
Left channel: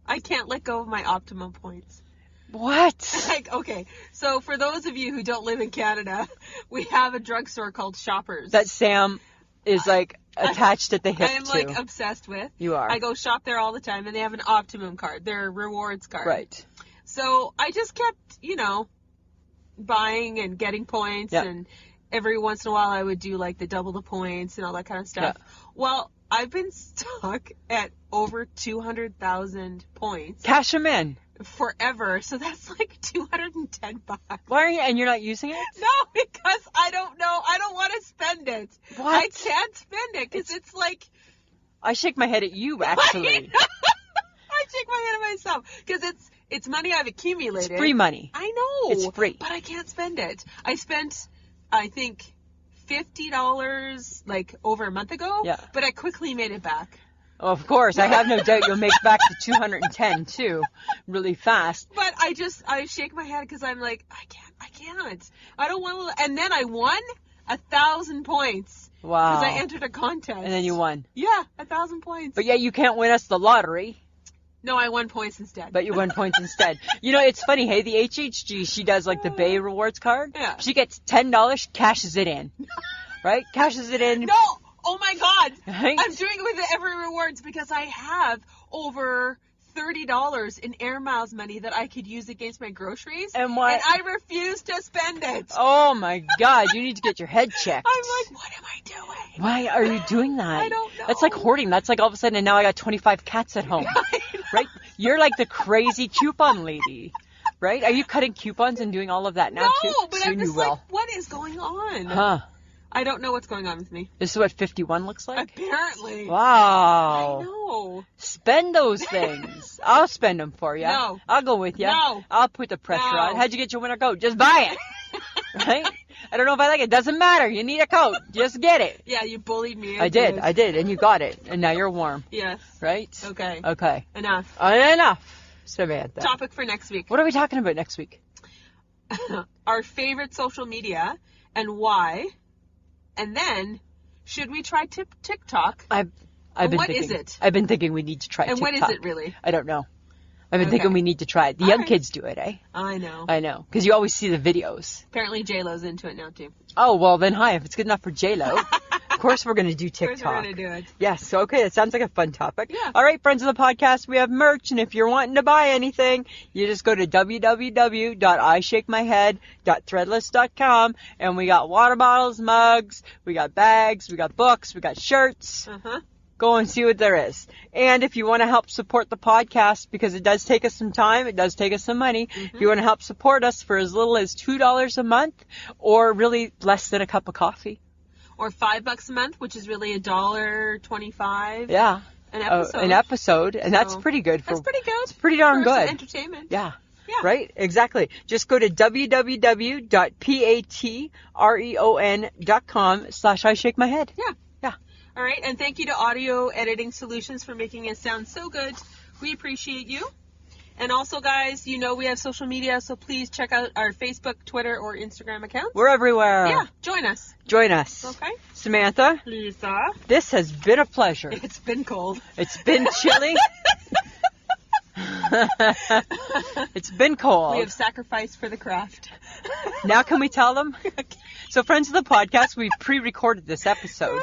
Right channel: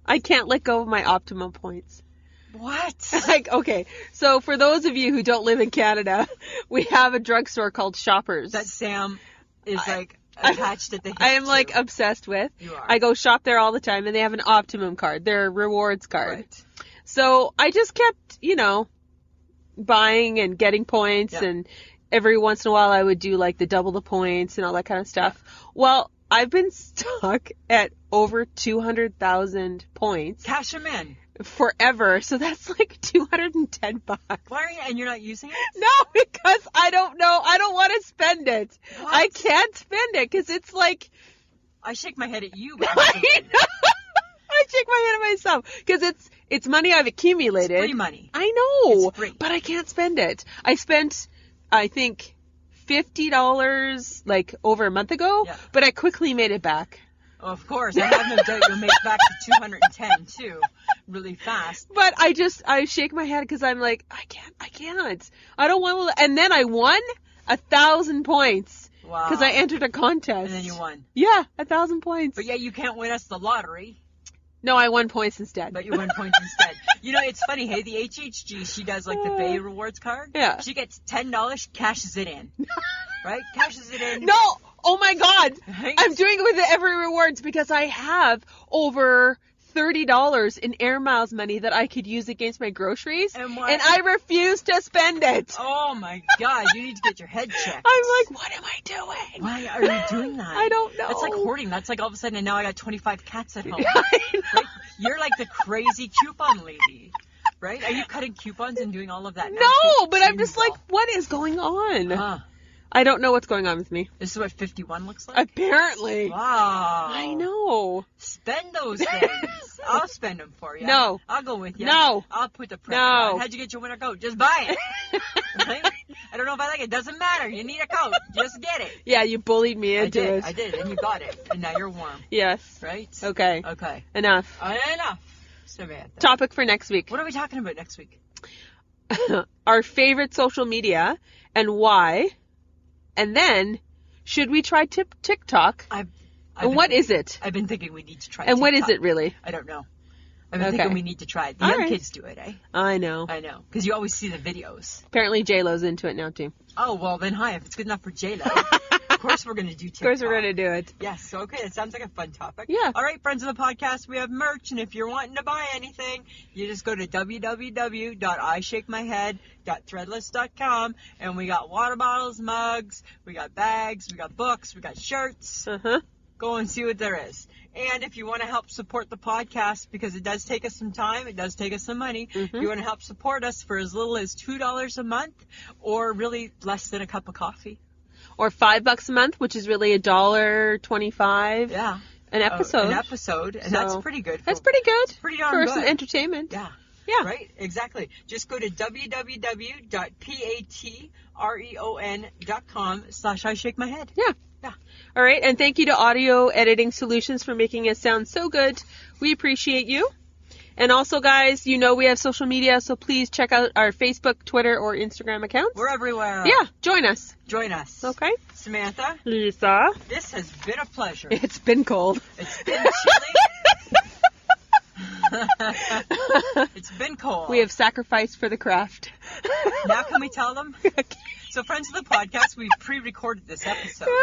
I can't let go of my optimum points. What? Okay, so for those of you who don't live in Canada, we have a drugstore called Shoppers. That Sam is attached at the hip I am to. obsessed with. You are. I go shop there all the time, and they have an optimum card, their rewards card. Right. So I just kept, buying and getting points, and every once in a while I would do the double the points and all that kind of stuff. Yeah. Well, I've been stuck at over 200,000 points. Cash them in. Forever, so that's $210. Why are you? And you're not using it? No, because I don't know. I don't want to spend it. What? I can't spend it because it's like. I shake my head at you, actually. I shake my head at myself because it's money I've accumulated. It's free money. I know. It's free, but I can't spend it. I spent, I think, $50 over a month ago. Yeah. But I quickly made it back. Oh, of course. I have no doubt you'll make back the 210 too, really fast. But I shake my head because I'm like, I can't. I don't want to. And then I won 1,000 points. Wow. Because I entered a contest. And then you won. Yeah, 1,000 points. But yeah, you can't win us the lottery. No, I won points instead. But you won points instead. It's funny, hey, the HHG, she does the Bay Rewards card. Yeah. She gets $10, cashes it in. Right? Cashes it in. No! Oh my God! Right? I'm doing it with the Every Rewards because I have over $30 in air miles money that I could use against my groceries. And why? And I refuse to spend it. Oh my God, you need to get your head checked. I'm like, what am I doing? Why are you doing that? I don't know. That's like hoarding. That's like all of a sudden, and now I got 25 cats at home. Right? You're like the crazy coupon lady. Right? Are you cutting coupons and doing all of that now? No, but I'm just like, what is going on? Huh. I don't know what's going on with me. This is what 51 looks like? Apparently. Wow. I know. Spend those things. I'll spend them for you. No. I'll go with you. No. I'll put the pressure No. on. How'd you get your winter coat? Just buy it. Right? I don't know if I like it. Doesn't matter. You need a coat. Just get it. Yeah, you bullied me into it. I did. And you got it. And now you're warm. Yes. Right? Okay. Okay. Enough. Enough. Samantha. Topic for next week. What are we talking about next week? Our favorite social media and why. And then, should we try TikTok? What is it? I've been thinking we need to try and TikTok. What is it really? I don't know. I've been thinking we need to try it. The young kids do it, eh? I know. I know. Because you always see the videos. Apparently J-Lo's into it now, too. Oh, well, then hi. If it's good enough for J-Lo, of course we're going to do TikTok. Of course we're going to do it. Yes. Okay. That sounds like a fun topic. Yeah. All right, friends of the podcast, we have merch. And if you're wanting to buy anything, you just go to www.ishakemyhead.threadless.com. And we got water bottles, mugs, we got bags, we got books, we got shirts. Uh-huh. Go and see what there is. And if you want to help support the podcast, because it does take us some time, it does take us some money, if you want to help support us for as little as $2 a month, or really less than a cup of coffee. Or $5 a month, which is really $1.25. Yeah. An episode. And so that's pretty good. That's pretty good. It's pretty darn for good. Some entertainment. Yeah. Yeah. Right? Exactly. Just go to www.patreon.com/I-shake-my-head. Yeah. Yeah. All right. And thank you to Audio Editing Solutions for making it sound so good. We appreciate you. And also, guys, you know we have social media, so please check out our Facebook, Twitter, or Instagram accounts. We're everywhere. Yeah. Join us. Join us. Okay. Samantha. Lisa. This has been a pleasure. It's been cold. It's been chilly. It's been cold. We have sacrificed for the craft. Now can we tell them? So, friends of the podcast, we pre-recorded this episode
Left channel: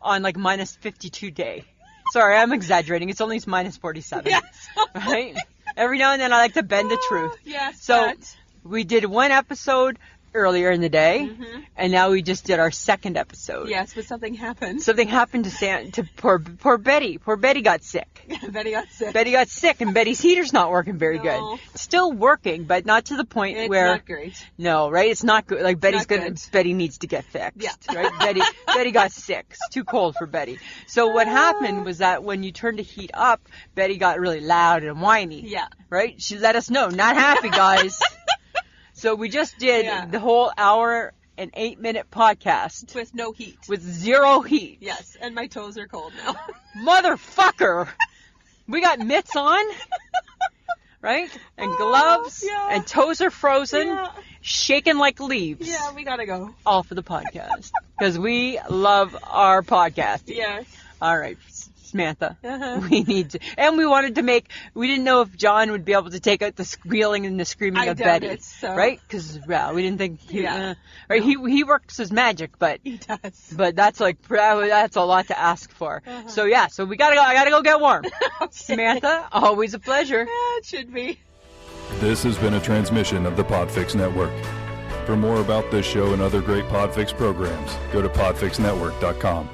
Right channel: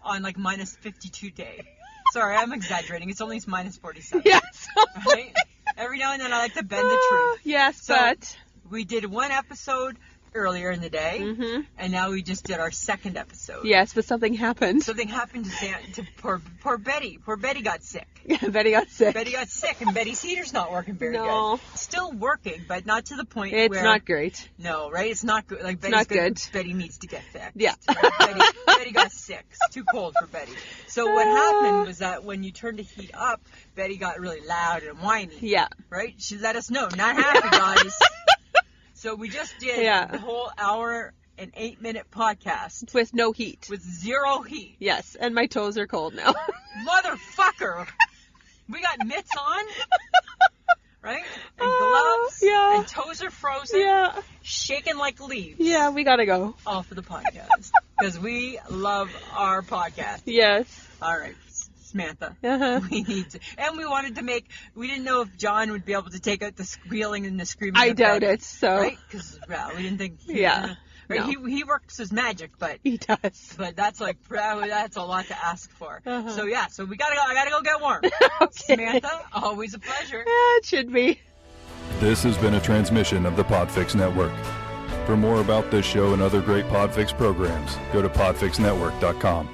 on like minus 52 day. Sorry, I'm exaggerating. It's only minus 47. Yes. Right? Every now and then I like to bend the truth. Yes, so but we did one episode earlier in the day, and now we just did our second episode. Yes, but something happened. Something happened to poor Betty. Poor Betty got sick. Betty got sick. Betty got sick, and Betty's heater's not working very good. Still working, but not to the point where... It's not great. No, right? It's not good. Like, Betty's good. Betty needs to get fixed. Yeah. Right? Betty got sick. It's too cold for Betty. So what happened was that when you turned the heat up, Betty got really loud and whiny. Yeah. Right? She let us know. Not happy, guys. So we just did the whole hour and 8-minute podcast. With no heat. With zero heat. Yes, and my toes are cold now. Motherfucker! We got mitts on, right? And gloves, and toes are frozen, shaking like leaves. Yeah, we gotta go. All for the podcast. Because we love our podcast. Yes. All right. Samantha, we need to, and we wanted to we didn't know if John would be able to take out the squealing and the screaming of Betty. I doubt it, so. Right? Because, we didn't think, right? No. He works his magic, but. He does. But that's that's a lot to ask for. So we gotta go, I gotta go get warm. Okay. Samantha, always a pleasure. Yeah, it should be. This has been a transmission of the Podfix Network. For more about this show and other great Podfix programs, go to podfixnetwork.com.